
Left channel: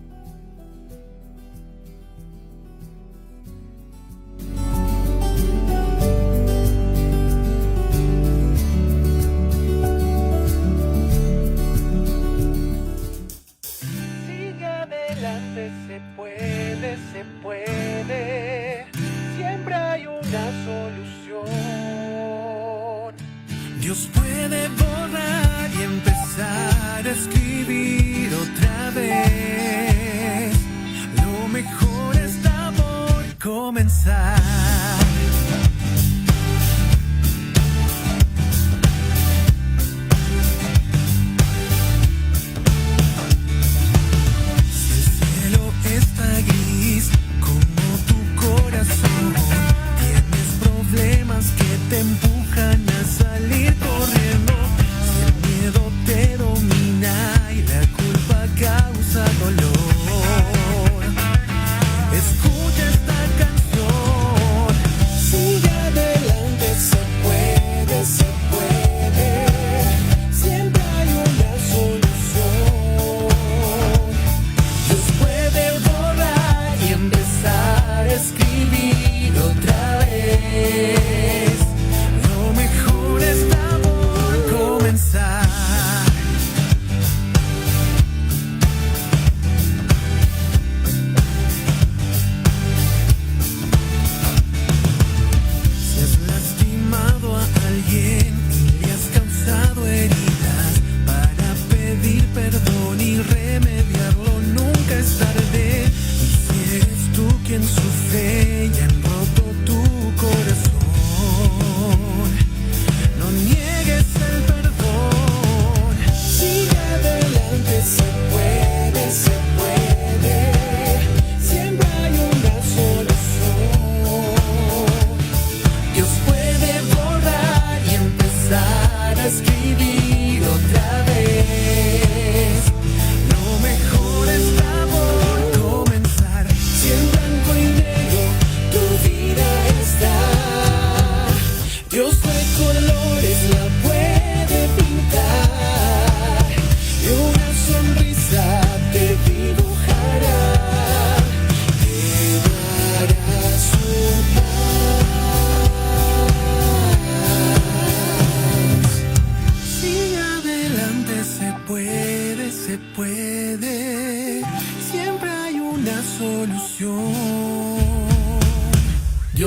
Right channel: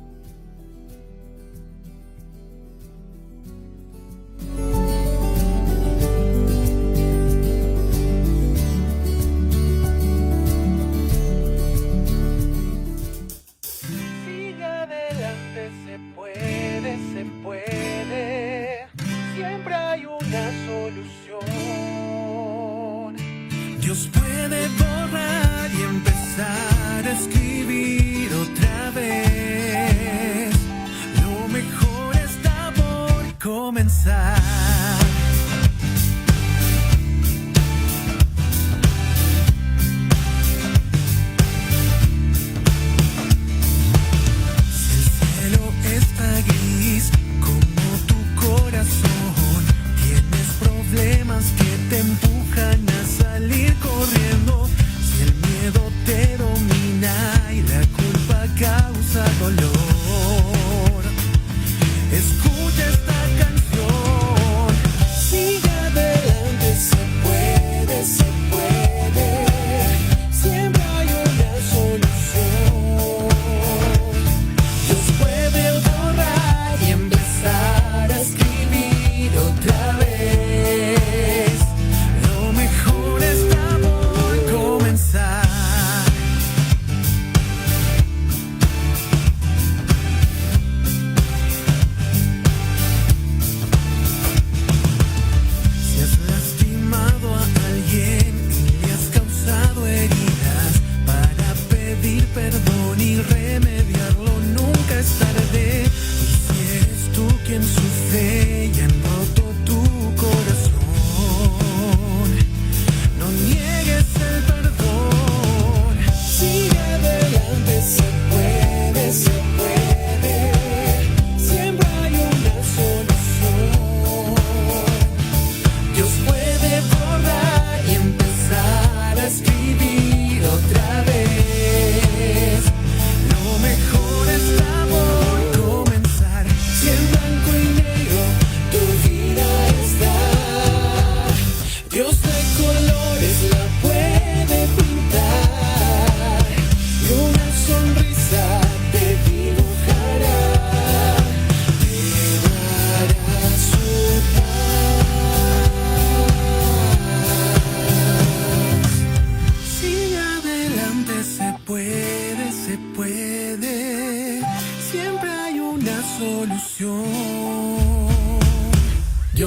Sigue adelante, se puede, siempre hay una solución. Dios puede borrar y empezar a escribir otra vez.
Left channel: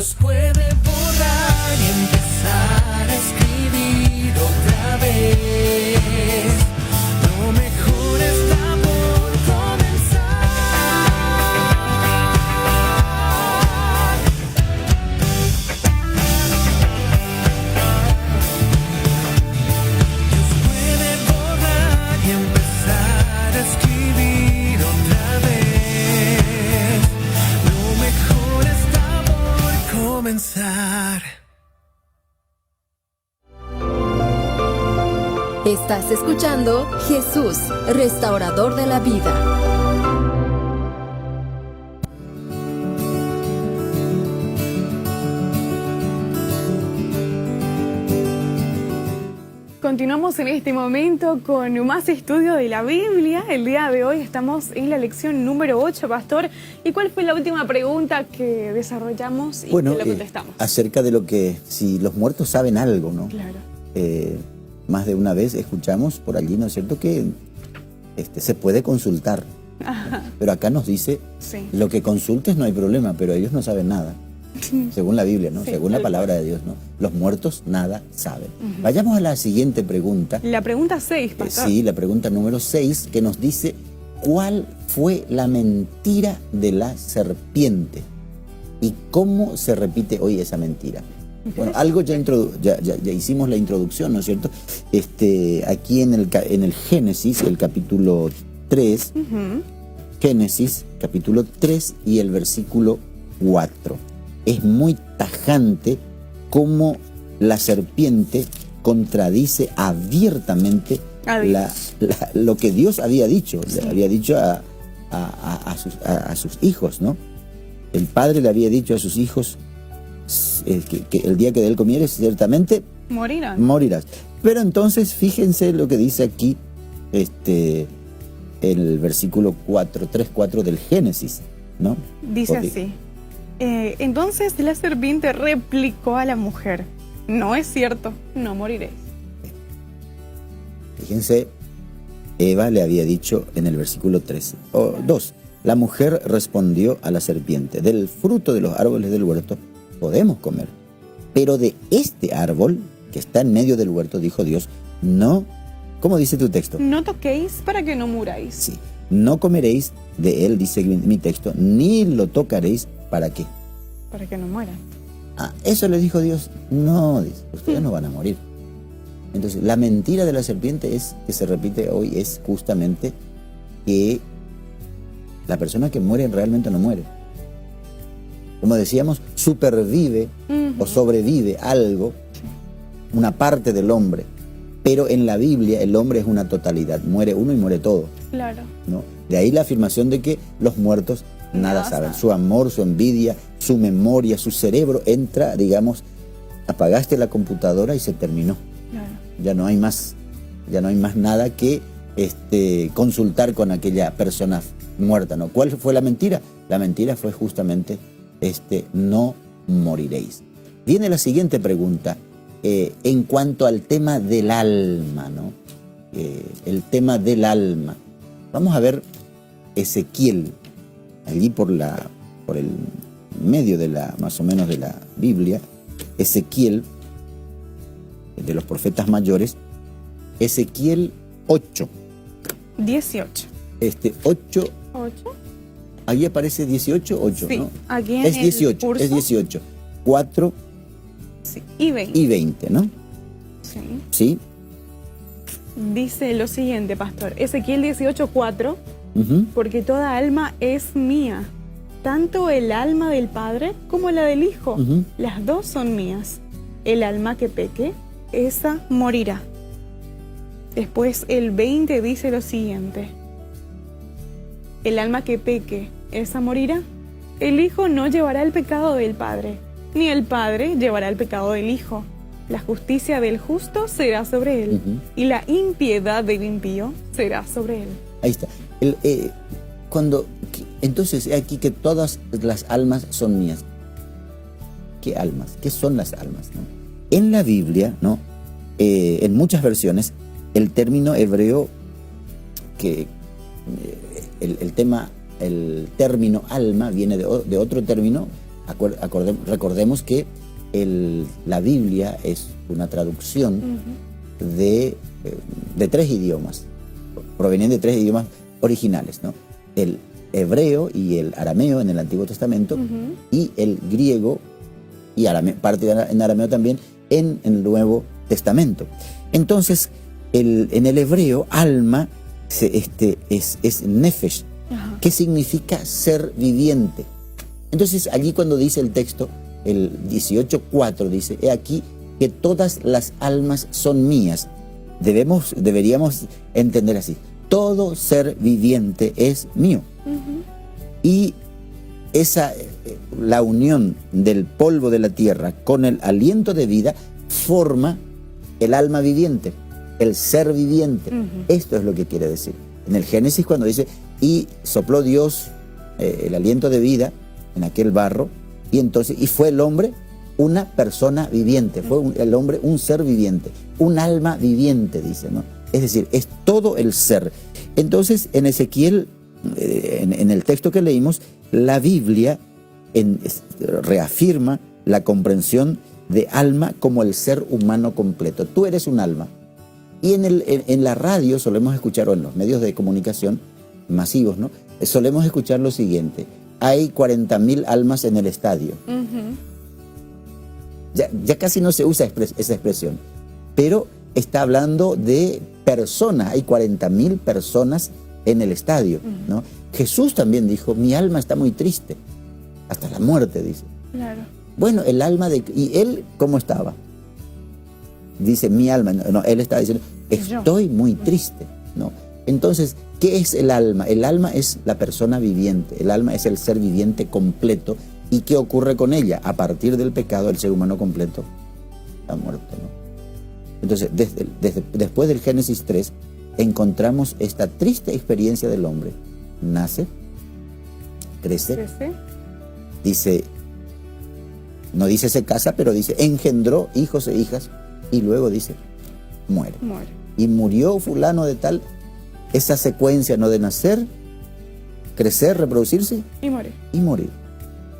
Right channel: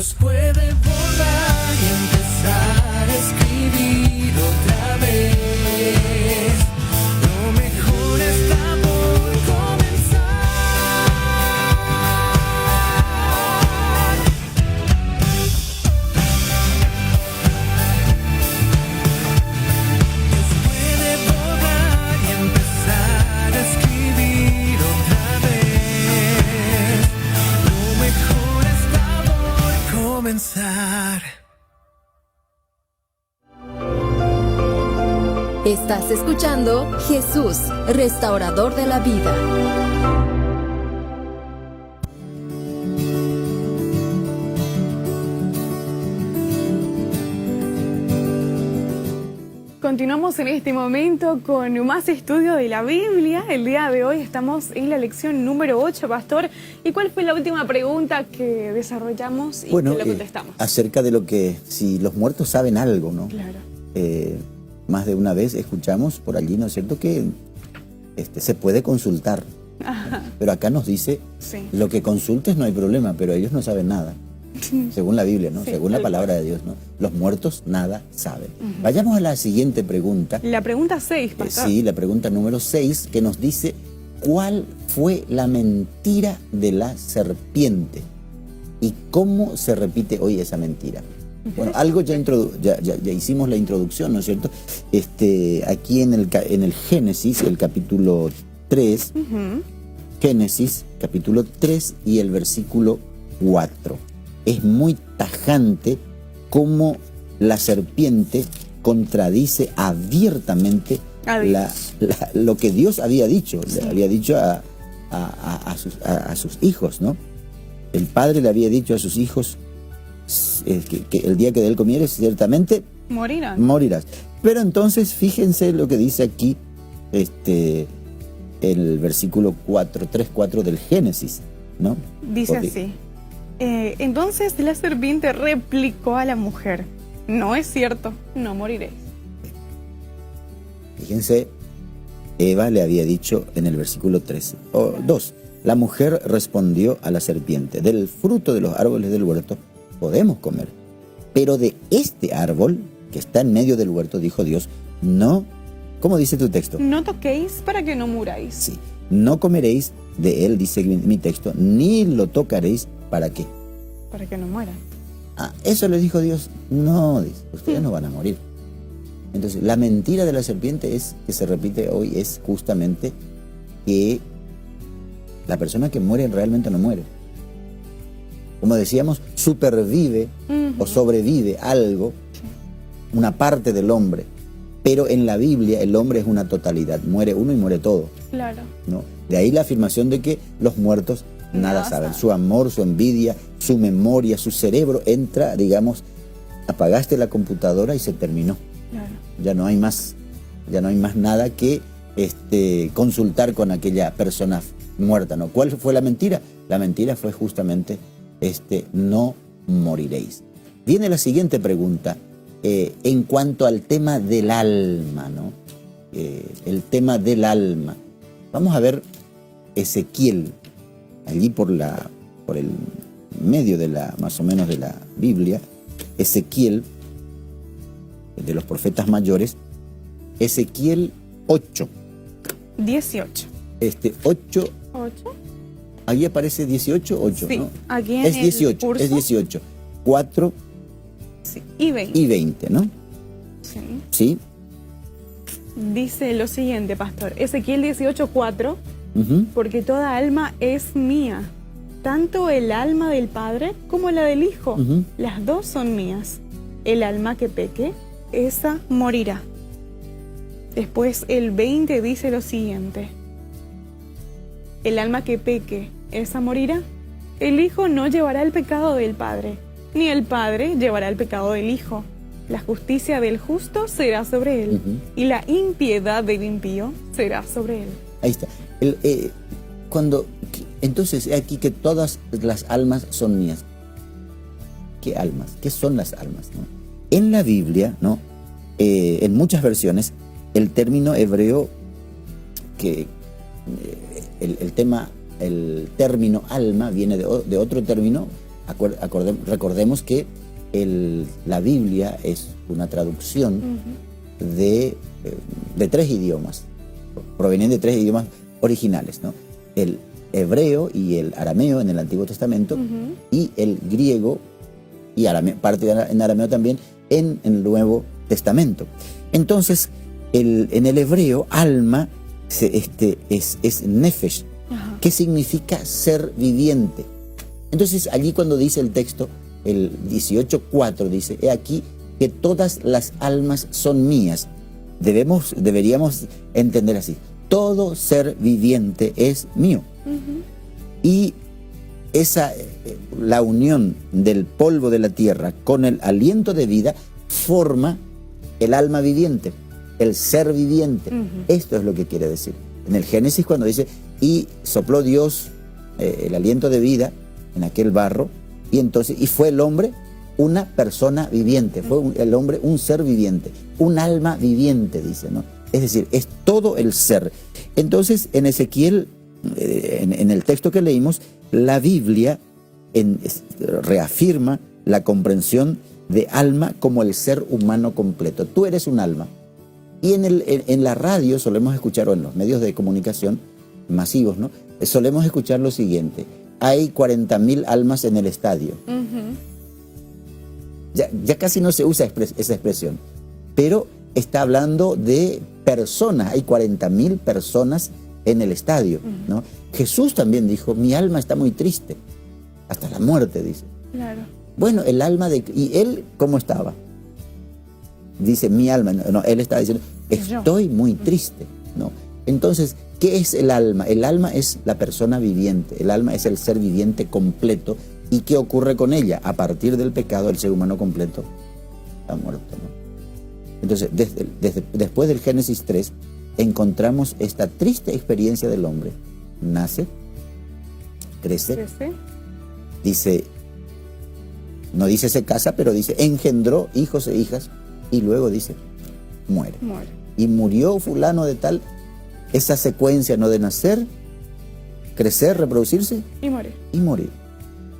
Dios puede borrar y empezar a escribir otra vez. Lo mejor está por comenzar. Dios puede borrar y empezar a escribir otra vez. Lo mejor está por comenzar. Estás escuchando Jesús, restaurador de la vida. Continuamos en este momento con más estudio de la Biblia. El día de hoy estamos en la lección número 8, Pastor. ¿Y cuál fue la última pregunta que desarrollamos y Bueno, que le contestamos? acerca de lo que, si los muertos saben algo, ¿no? Claro. Más de una vez escuchamos por allí, ¿no es cierto?, que se puede consultar. Ajá. Pero acá nos dice, Sí. lo que consultes no hay problema, pero ellos no saben nada. Según la Biblia, ¿no? Sí, Según la sí. palabra de Dios, ¿no? Los muertos nada saben. Vayamos a la siguiente pregunta. La pregunta 6, Pastor. Sí, la pregunta número 6, que nos dice, ¿cuál fue la mentira de la serpiente? ¿Y cómo se repite hoy esa mentira? Bueno, algo ya hicimos la introducción, ¿no es cierto? Aquí en el Génesis, el capítulo 3, Ujú. Génesis, capítulo 3 y el versículo 4. Es muy tajante cómo la serpiente contradice abiertamente lo que Dios había dicho. Le había dicho a sus hijos, ¿no? El padre le había dicho a sus hijos que el día que de él comieres, ciertamente Morirán. morirás. Pero entonces, fíjense lo que dice aquí el versículo 3:4 del Génesis, ¿no? Dice Porque- así. Entonces la serpiente replicó a la mujer: no es cierto, no moriré. Fíjense, Eva le había dicho en el versículo 2, la mujer respondió a la serpiente, del fruto de los árboles del huerto podemos comer, pero de este árbol que está en medio del huerto, dijo Dios, no, ¿cómo dice tu texto? No toquéis para que no muráis. Sí, no comeréis de él, dice mi texto, ni lo tocaréis, ¿para qué? Para que no mueran. Eso le dijo Dios, no, dice, ustedes no van a morir. Entonces, la mentira de la serpiente que se repite hoy es justamente que la persona que muere realmente no muere. Como decíamos, supervive o sobrevive algo, una parte del hombre, pero en la Biblia el hombre es una totalidad, muere uno y muere todo, Claro. ¿no? De ahí la afirmación de que los muertos nada saben. Su amor, su envidia, su memoria, su cerebro entra, digamos, apagaste la computadora y se terminó. Claro. Ya no hay más nada que consultar con aquella persona muerta, ¿no? ¿Cuál fue la mentira? La mentira fue justamente no moriréis. Viene la siguiente pregunta en cuanto al tema del alma, ¿no? El tema del alma. Vamos a ver Ezequiel, allí por el medio de más o menos de la Biblia, Ezequiel, de los profetas mayores, Ezequiel 8. 18. 8, 8. ahí aparece 18, 8, Sí, ¿no? aquí en Es el 18, curso. es 18. 4 Sí. Y 20. y 20, ¿no? Sí. ¿Sí? Dice lo siguiente, Pastor. Ezequiel 18:4. Ujú. Porque toda alma es mía, tanto el alma del Padre como la del Hijo. Ujú. Las dos son mías. El alma que peque, esa morirá. Después el 20 dice lo siguiente. El alma que peque, esa morirá. El Hijo no llevará el pecado del Padre, ni el Padre llevará el pecado del Hijo. La justicia del justo será sobre él, Ujú. y la impiedad del impío será sobre él. Ahí está. Entonces, aquí que todas las almas son mías. ¿Qué almas? ¿Qué son las almas? ¿No? En la Biblia, ¿no? En muchas versiones, el término hebreo, que el término alma viene de otro término, recordemos que la Biblia es una traducción de 3 idiomas, provenían de 3 idiomas originales, ¿no? El hebreo y el arameo en el Antiguo Testamento, y el griego y parte en arameo también en el Nuevo Testamento. Entonces, en el hebreo, alma es nefesh, que significa ser viviente. Entonces, allí cuando dice el texto, el 18:4 dice: he aquí que todas las almas son mías. Deberíamos entender así: todo ser viviente es mío. Y la unión del polvo de la tierra con el aliento de vida forma el alma viviente, el ser viviente. Esto es lo que quiere decir. En el Génesis, cuando dice: y sopló Dios el aliento de vida en aquel barro, y fue el hombre una persona viviente, fue el hombre un ser viviente, un alma viviente, dice, ¿no? Es decir, es todo el ser. Entonces, en Ezequiel, en el texto que leímos, la Biblia reafirma la comprensión de alma como el ser humano completo. Tú eres un alma. Y en la radio solemos escuchar, o en los medios de comunicación masivos, ¿no? Solemos escuchar lo siguiente: hay 40.000 almas en el estadio. Ya casi no se usa esa expresión, pero está hablando de personas. Hay 40.000 personas en el estadio, ¿no? Jesús también dijo: mi alma está muy triste, hasta la muerte, dice. Claro. Bueno, el alma ¿y él cómo estaba? Dice: mi alma, no, él está diciendo: estoy muy triste, ¿no? Entonces, ¿qué es el alma? El alma es la persona viviente, el alma es el ser viviente completo. ¿Y qué ocurre con ella? A partir del pecado, el ser humano completo ha muerto, ¿no? Entonces, después del Génesis 3, encontramos esta triste experiencia del hombre. Nace, crece, dice, no dice se casa, pero dice engendró hijos e hijas, y luego dice muere. Y murió fulano de tal. Esa secuencia, ¿no?, de nacer, crecer, reproducirse y morir.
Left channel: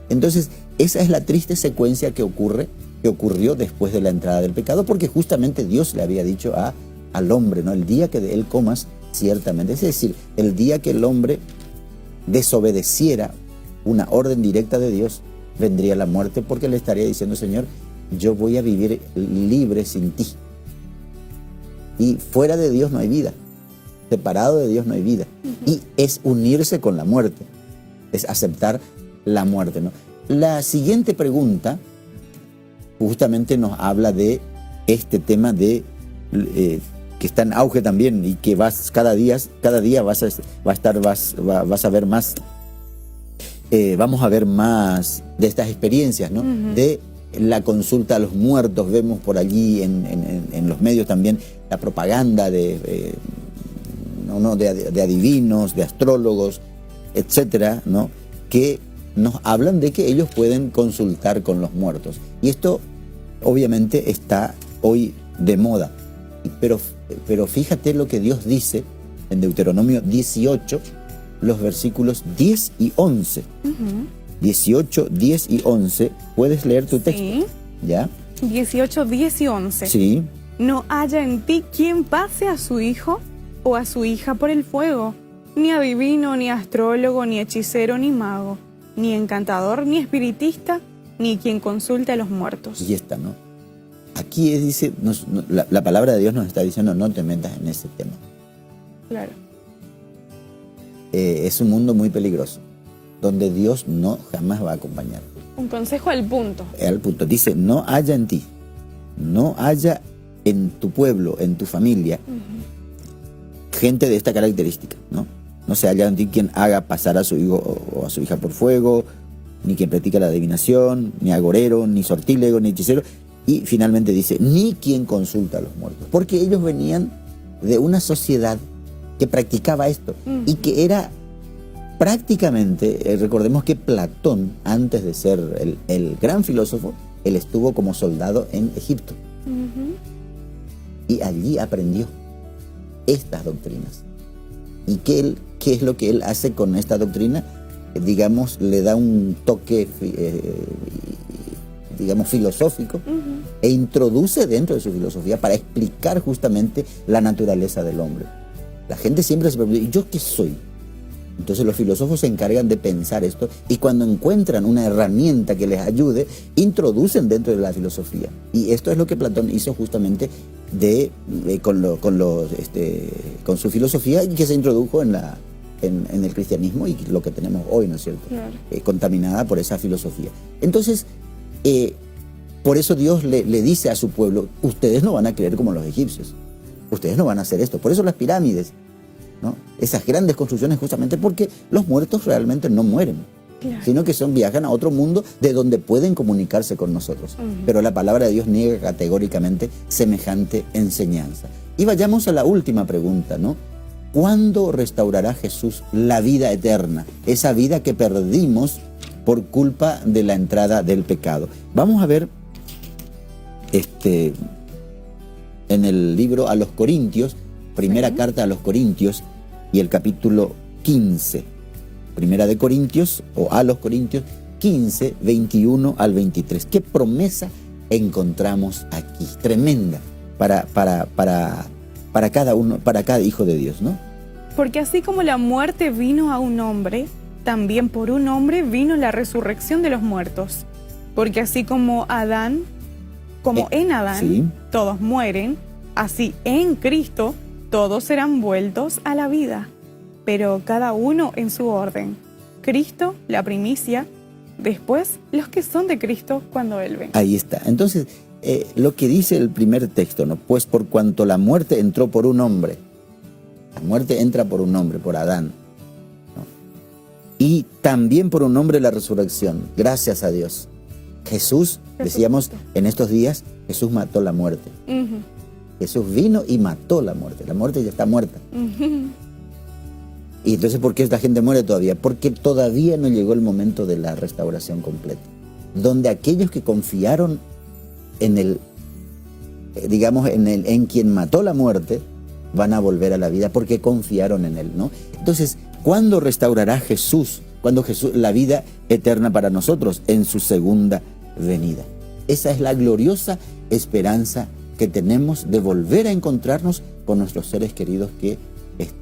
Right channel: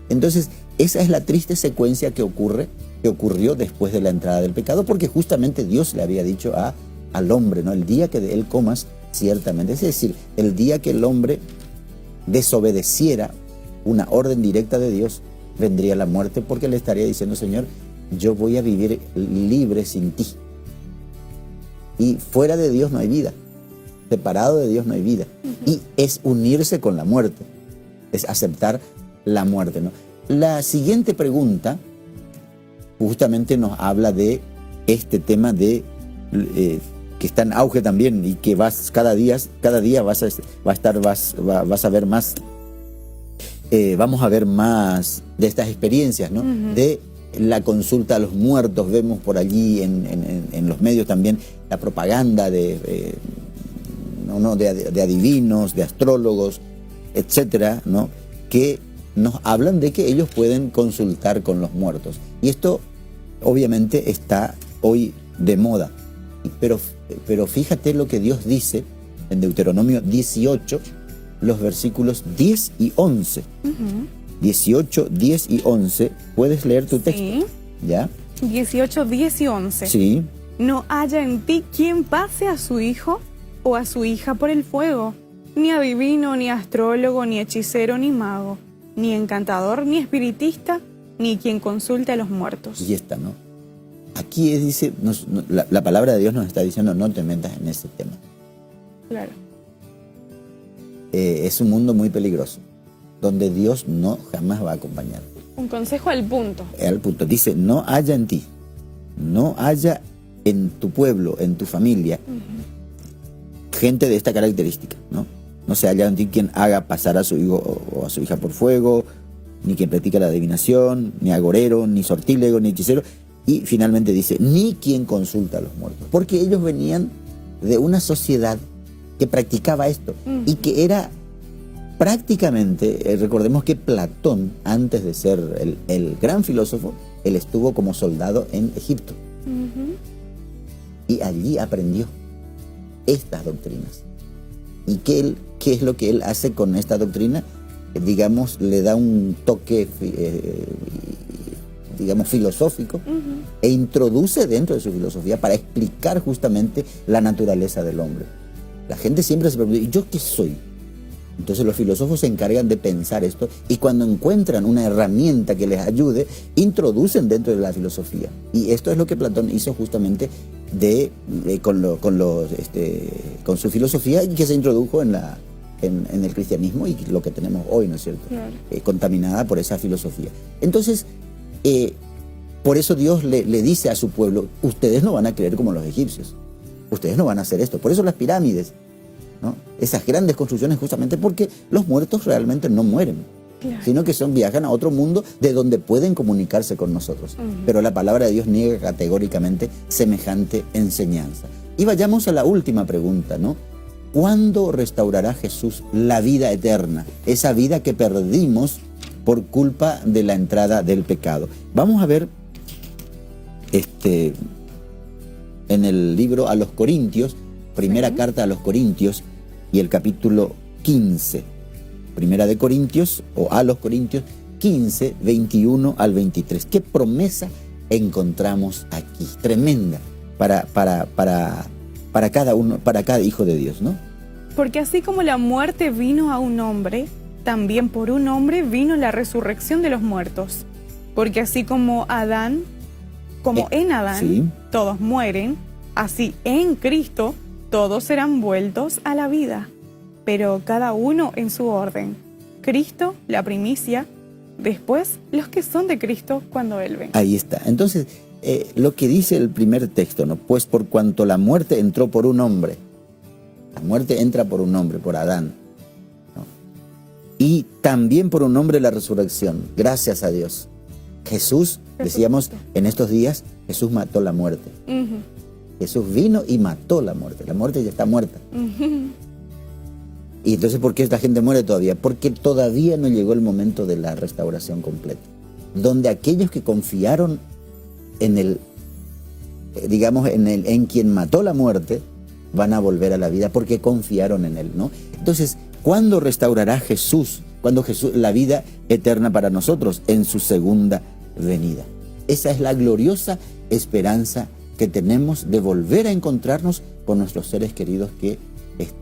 Entonces, esa es la triste secuencia que ocurrió después de la entrada del pecado, porque justamente Dios le había dicho al hombre, ¿no?, el día que de él comas, ciertamente. Es decir, el día que el hombre desobedeciera una orden directa de Dios, vendría la muerte, porque le estaría diciendo: Señor, yo voy a vivir libre sin ti. Y fuera de Dios no hay vida. Separado de Dios no hay vida. Y es unirse con la muerte, es aceptar la muerte, ¿no? La siguiente pregunta justamente nos habla de este tema de que está en auge también, y que cada día vas a ver más, vamos a ver más de estas experiencias, ¿no? De la consulta a los muertos. Vemos por allí en los medios también la propaganda de adivinos, de astrólogos, etcétera, ¿no?, que nos hablan de que ellos pueden consultar con los muertos. Y esto obviamente está hoy de moda. Pero fíjate lo que Dios dice en Deuteronomio 18, los versículos 10 y 11. 18, 10 y 11. ¿Puedes leer tu texto? Sí. ¿Ya? 18, 10 y 11. Sí. No haya en ti quien pase a su hijo o a su hija por el fuego, ni adivino, ni astrólogo, ni hechicero, ni mago, ni encantador, ni espiritista, ni quien consulte a los muertos. Y esta, ¿no? Aquí dice, la palabra de Dios nos está diciendo: no te metas en ese tema. Claro. Es un mundo muy peligroso, donde Dios no jamás va a acompañar. Un consejo al punto. Al punto. Dice: no haya en ti, no haya en tu pueblo, en tu familia, gente de esta característica, ¿no? No se haya en ti quien haga pasar a su hijo o a su hija por fuego, ni quien practica la adivinación, ni agorero, ni sortílego, ni hechicero. Y finalmente dice: ni quien consulta a los muertos. Porque ellos venían de una sociedad que practicaba esto, y que era prácticamente, recordemos que Platón, antes de ser el gran filósofo, él estuvo como soldado en Egipto. Y allí aprendió estas doctrinas. ¿Y qué es lo que él hace con esta doctrina? digamos, le da un toque, digamos, filosófico, e introduce dentro de su filosofía para explicar justamente la naturaleza del hombre. La gente siempre se pregunta, ¿y yo qué soy? Entonces los filósofos se encargan de pensar esto, y cuando encuentran una herramienta que les ayude, introducen dentro de la filosofía. Y esto es lo que Platón hizo justamente con su filosofía, y que se introdujo en el cristianismo, y lo que tenemos hoy, ¿no es cierto? Claro. Contaminada por esa filosofía. Entonces, por eso Dios le dice a su pueblo, ustedes no van a creer como los egipcios, ustedes no van a hacer esto. Por eso las pirámides, ¿no? Esas grandes construcciones, justamente porque los muertos realmente no mueren, sino que viajan a otro mundo de donde pueden comunicarse con nosotros. Pero la palabra de Dios niega categóricamente semejante enseñanza. Y vayamos a la última pregunta, ¿no? ¿Cuándo restaurará Jesús la vida eterna? Esa vida que perdimos por culpa de la entrada del pecado. Vamos a ver en el libro a los Corintios, primera carta a los Corintios, y el capítulo 15. Primera de Corintios, o a los Corintios 15, 21 al 23. ¿Qué promesa encontramos aquí? Tremenda para cada uno, para cada hijo de Dios, ¿no? Porque así como la muerte vino a un hombre, también por un hombre vino la resurrección de los muertos. Porque así como en Adán, sí, todos mueren, así en Cristo todos serán vueltos a la vida, pero cada uno en su orden. Cristo, la primicia, después los que son de Cristo cuando Él venga. Ahí está. Entonces, lo que dice el primer texto, ¿no? Pues por cuanto la muerte entró por un hombre, la muerte entra por un hombre, por Adán, ¿no? Y también por un hombre la resurrección, gracias a Dios. Jesús, decíamos en estos días, Jesús mató la muerte. Jesús vino y mató la muerte. La muerte ya está muerta. Y entonces, ¿por qué esta gente muere todavía? Porque todavía no llegó el momento de la restauración completa, donde aquellos que confiaron en en quien mató la muerte, van a volver a la vida porque confiaron en él, ¿no? Entonces, ¿cuándo restaurará Jesús? ¿Cuándo la vida eterna para nosotros? En su segunda venida. Esa es la gloriosa esperanza que tenemos de volver a encontrarnos con nuestros seres queridos que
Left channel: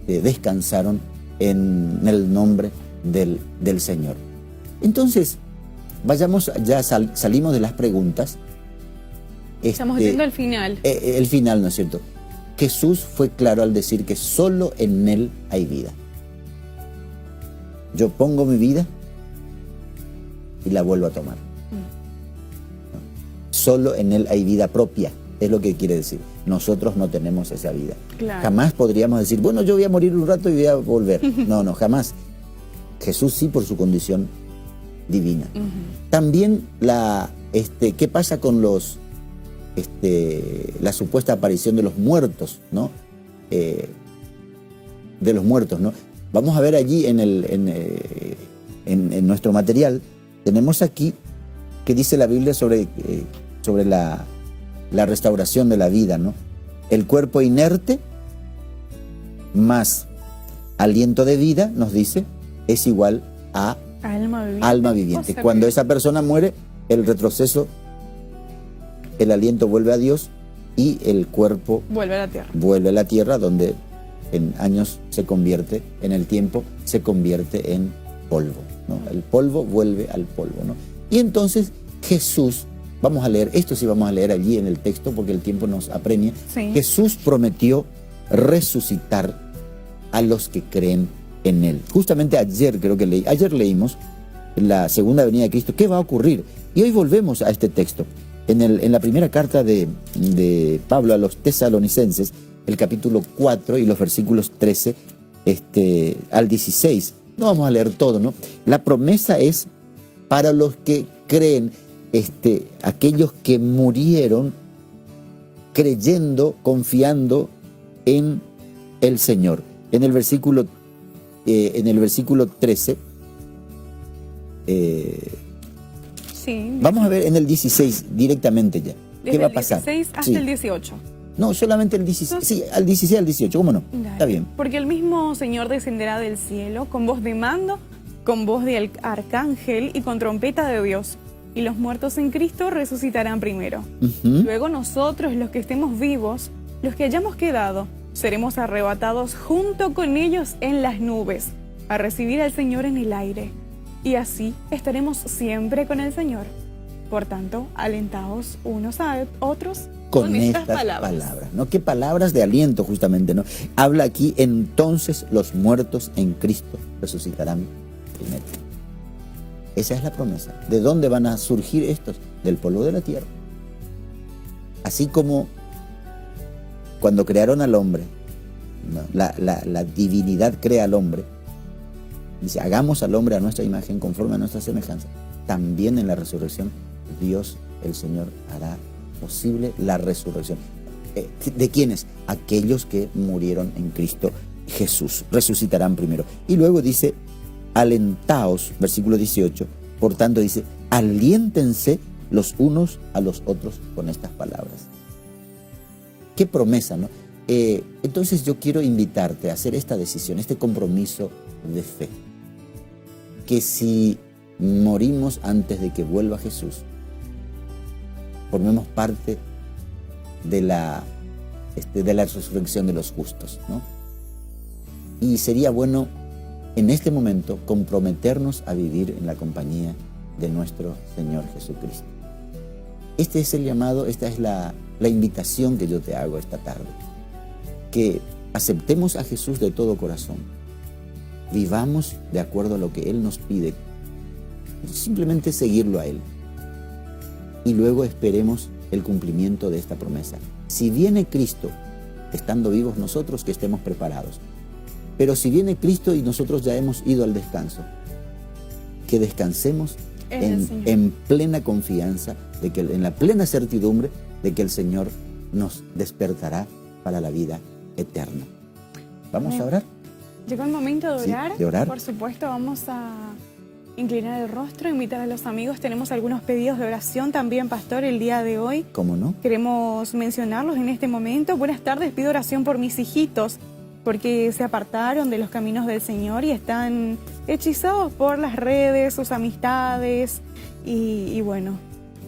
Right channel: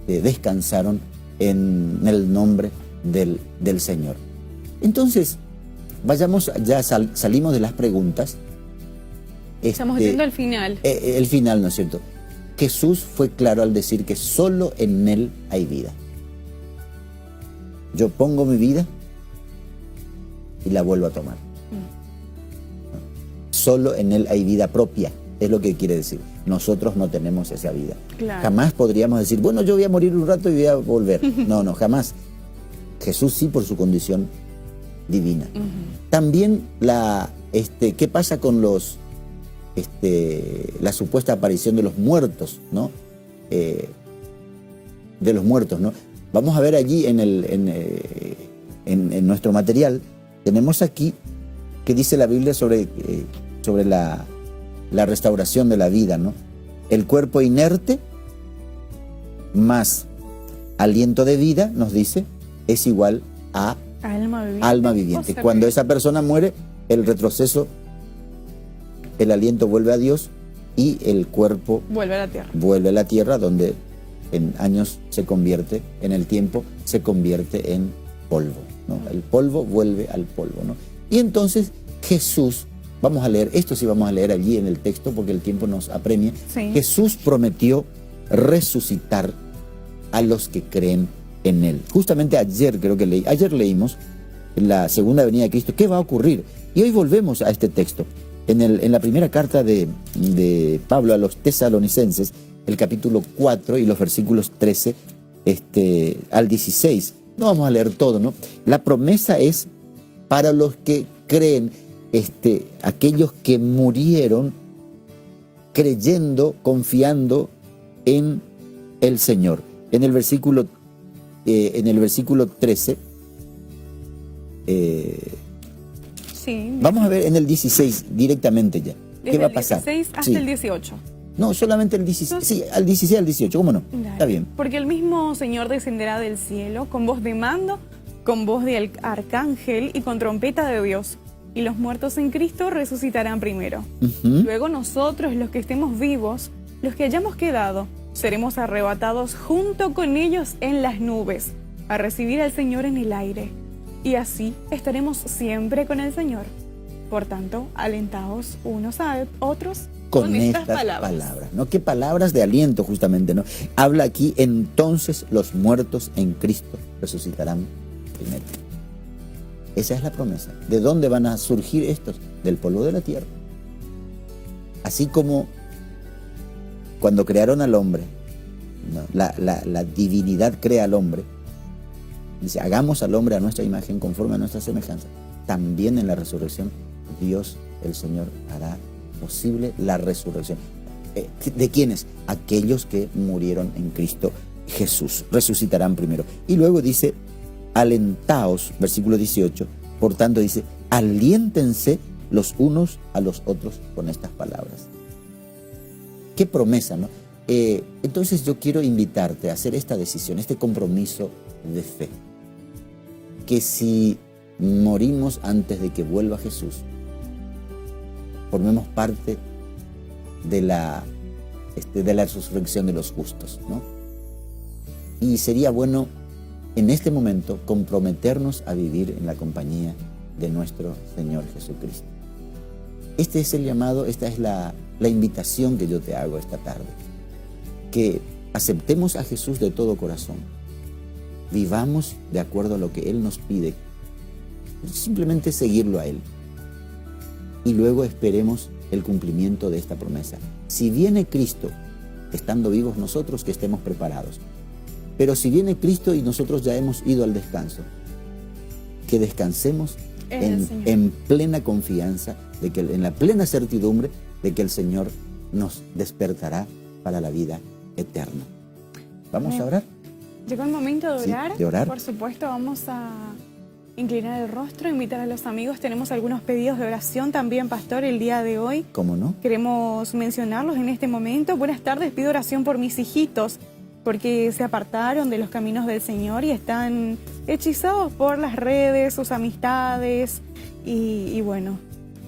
descansaron en el nombre del Señor. Entonces, vayamos, ya salimos de las preguntas. Estamos haciendo el final. El final, ¿no es cierto? Jesús fue claro al decir que solo en Él hay vida. Yo pongo mi vida y la vuelvo a tomar. Solo en Él hay vida propia, es lo que quiere decir. Nosotros no tenemos esa vida. Claro. Jamás podríamos decir, bueno, yo voy a morir un rato y voy a volver. No, jamás. Jesús sí, por su condición divina. También ¿qué pasa con la supuesta aparición de los muertos, ¿no? De los muertos, ¿no? Vamos a ver allí en nuestro material, tenemos aquí que dice la Biblia sobre la restauración de la vida, ¿no? El cuerpo inerte más aliento de vida, nos dice, es igual a alma viviente. Cuando esa persona muere, el retroceso, el aliento vuelve a Dios y el cuerpo vuelve a la tierra. Vuelve a la tierra, donde en años en el tiempo se convierte en polvo, ¿no? El polvo vuelve al polvo, ¿no? Y entonces Jesús, vamos a leer, esto sí vamos a leer allí en el texto porque el tiempo nos apremia. Sí. Jesús prometió resucitar a los que creen en Él. Justamente ayer leímos en la segunda venida de Cristo, ¿qué va a ocurrir? Y hoy volvemos a este texto. En la primera carta de Pablo a los tesalonicenses, el capítulo 4 y los versículos 13 al 16. No vamos a leer todo, ¿no? La promesa es para los que creen, aquellos que murieron creyendo, confiando en el Señor. En el versículo 13, sí. Vamos a ver en el 16 directamente ya. ¿Qué va a pasar? Desde el 16 hasta Sí. el 18. No, solamente el 16. Sí, al 16 al 18, ¿cómo no? Dale. Está bien. Porque el mismo Señor descenderá del cielo con voz de mando, con voz de arcángel y con trompeta de Dios. Y los muertos en Cristo resucitarán primero. Luego nosotros, los que estemos vivos, los que hayamos quedado, seremos arrebatados junto con ellos en las nubes, a recibir al Señor en el aire. Y así estaremos siempre con el Señor. Por tanto, alentaos unos a otros con estas palabras. ¿No? ¿Qué palabras de aliento justamente? ¿No? Habla aquí, entonces los muertos en Cristo resucitarán primero. Esa es la promesa. ¿De dónde van a surgir estos? Del polvo de la tierra. Así como cuando crearon al hombre, ¿no? la divinidad crea al hombre, dice, hagamos al hombre a nuestra imagen conforme a nuestra semejanza. También en la resurrección, Dios, el Señor, hará posible la resurrección. ¿De quiénes? Aquellos que murieron en Cristo Jesús. Resucitarán primero. Y luego dice, alentaos, versículo 18, por tanto dice, aliéntense los unos a los otros con estas palabras. Qué promesa, ¿no? Entonces yo quiero invitarte a hacer esta decisión, este compromiso de fe. Que si morimos antes de que vuelva Jesús, formemos parte de la resurrección de los justos, ¿no? Y sería bueno en este momento comprometernos a vivir en la compañía de nuestro Señor Jesucristo. Este es el llamado, esta es la invitación que yo te hago esta tarde. Que aceptemos a Jesús de todo corazón. Vivamos de acuerdo a lo que Él nos pide. Simplemente seguirlo a Él. Y luego esperemos el cumplimiento de esta promesa. Si viene Cristo, estando vivos nosotros, que estemos preparados. Pero si viene Cristo y nosotros ya hemos ido al descanso, que descansemos en plena confianza, de que, en la plena certidumbre de que el Señor nos despertará para la vida eterna. ¿Vamos a orar? Llegó el momento de orar. Sí, de orar. Por supuesto, vamos a inclinar el rostro, invitar a los amigos. Tenemos algunos pedidos de oración también, pastor, el día de hoy. ¿Cómo no? Queremos mencionarlos en este momento. Buenas tardes, pido oración por mis hijitos, porque se apartaron de los caminos del Señor y están hechizados por las redes, sus amistades, y bueno,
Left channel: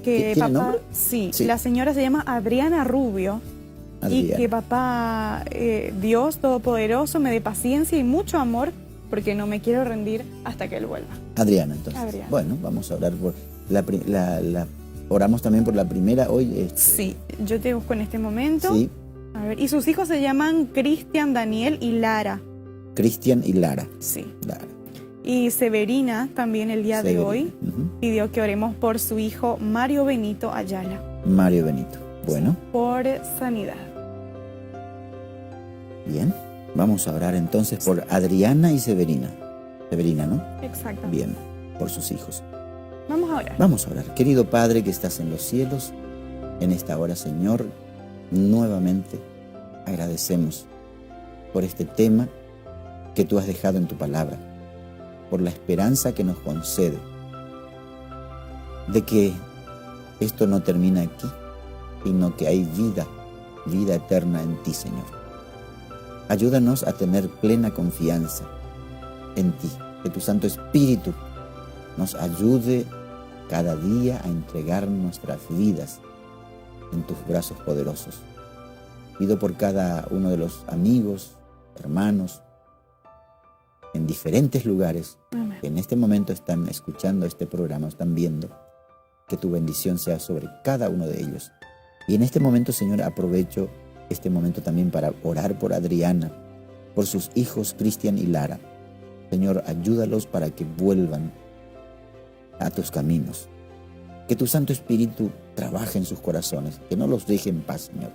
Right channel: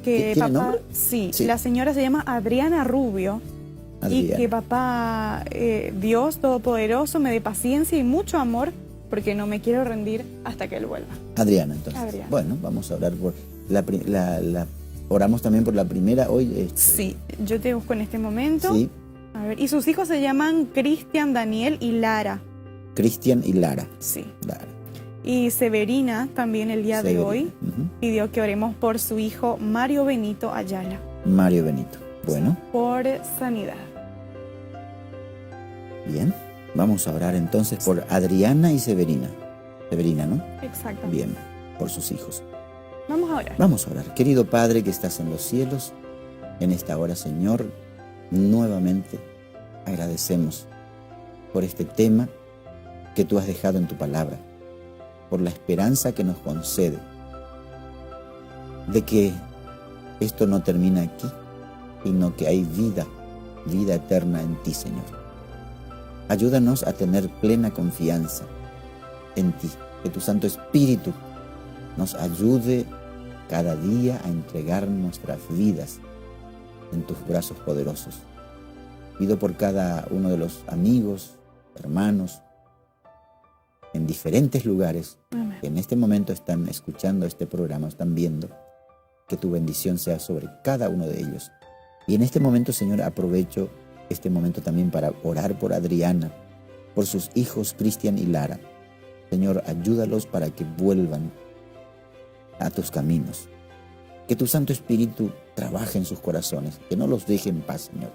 que ¿Tiene papá, nombre? Sí, Sí. la señora se llama Adriana Rubio. Adriana. Y que papá, Dios Todopoderoso, me dé paciencia y mucho amor, porque no me quiero rendir hasta que Él vuelva. Adriana, entonces. Adriana. Bueno, vamos a orar por oramos también por la primera hoy. Sí, yo te busco en este momento. Sí, A ver, y sus hijos se llaman Cristian, Daniel y Lara. Cristian y Lara. Sí. Lara. Y Severina también el día de Severina. hoy Ujú. pidió que oremos por su hijo Mario Benito Ayala, Mario Benito. Bueno, por sanidad. bien. Vamos a orar entonces por Adriana y Severina. Severina, ¿no? Exacto. Bien, por sus hijos. Vamos a orar. Vamos a orar. Querido Padre que estás en los cielos, en esta hora, Señor, nuevamente agradecemos por este tema que tú has dejado en tu palabra, por la esperanza que nos concede de que esto no termina aquí, sino que hay vida eterna en ti, Señor. Ayúdanos a tener plena confianza en ti, que tu Santo Espíritu nos ayude cada día a entregar nuestras vidas en tus brazos poderosos. Pido por cada uno de los amigos, hermanos, en diferentes lugares que en este momento están escuchando este programa, están viendo, que tu bendición sea sobre cada uno de ellos. Y en este momento, Señor, aprovecho este momento también para orar por Adriana, por sus hijos Cristian y Lara. Señor, ayúdalos para que vuelvan a tus caminos. Que tu Santo Espíritu trabaje en sus corazones, que no los deje en paz, Señor.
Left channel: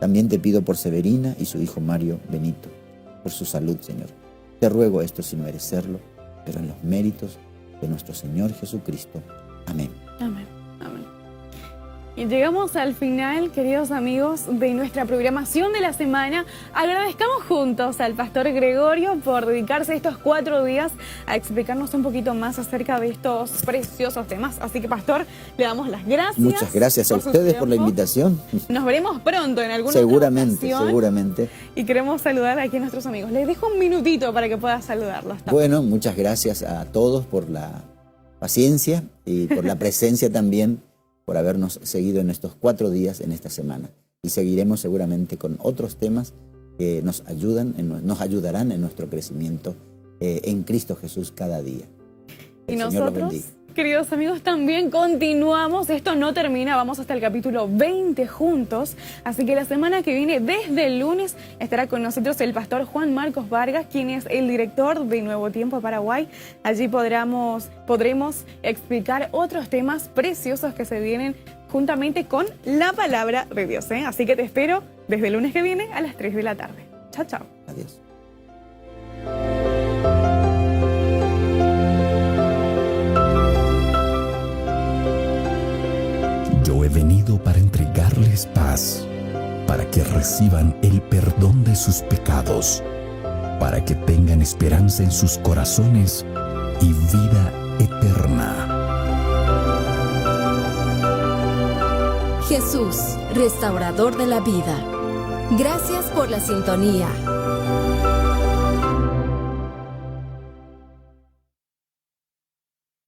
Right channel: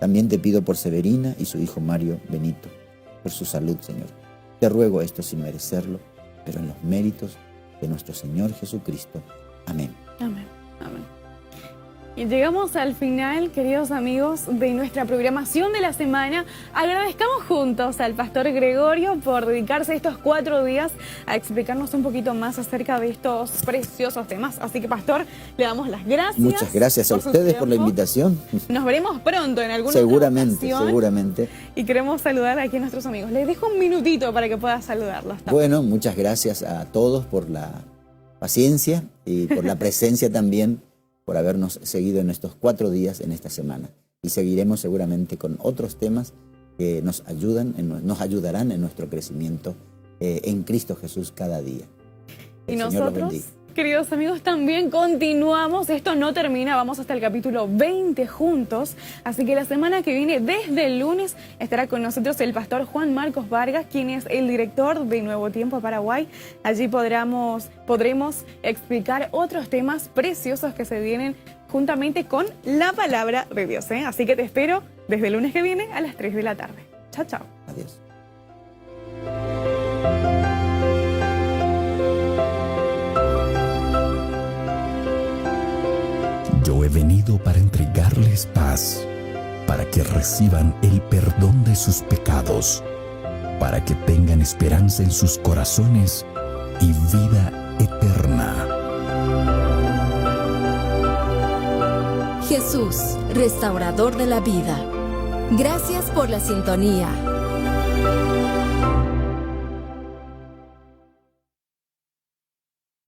También te pido por Severina y su hijo Mario Benito, por su salud, Señor. Te ruego esto sin merecerlo, pero en los méritos de nuestro Señor Jesucristo. Amén. Amén. Amén. Y llegamos al final, queridos amigos, de nuestra programación de la semana. Agradezcamos juntos al pastor Gregorio por dedicarse estos 4 días a explicarnos un poquito más acerca de estos preciosos temas. Así que, pastor, le damos las gracias. Muchas gracias a ustedes por la invitación. Nos veremos pronto en alguna Seguramente, ocasión. seguramente. Y queremos saludar aquí a nuestros amigos. Les dejo un minutito para que pueda saludarlos. Bueno, muchas gracias a todos por la paciencia y por la presencia también, por habernos seguido en estos 4 días en esta semana. Y seguiremos seguramente con otros temas que nos ayudarán en nuestro crecimiento en Cristo Jesús cada día. Y El Señor los nosotros, bendiga. queridos amigos, también continuamos. Esto no termina, vamos hasta el capítulo 20 juntos. Así que la semana que viene, desde el lunes, estará con nosotros el pastor Juan Marcos Vargas, quien es el director de Nuevo Tiempo Paraguay. Allí podremos explicar otros temas preciosos que se vienen juntamente con la palabra de Dios, ¿eh? Así que te espero desde el lunes que viene a las 3 de la tarde. Chao, chao. Adiós. Yo he venido para entregarles paz, para que reciban el perdón de sus pecados, para que tengan esperanza en sus corazones y vida eterna. Jesús, restaurador de la vida. Gracias por la sintonía.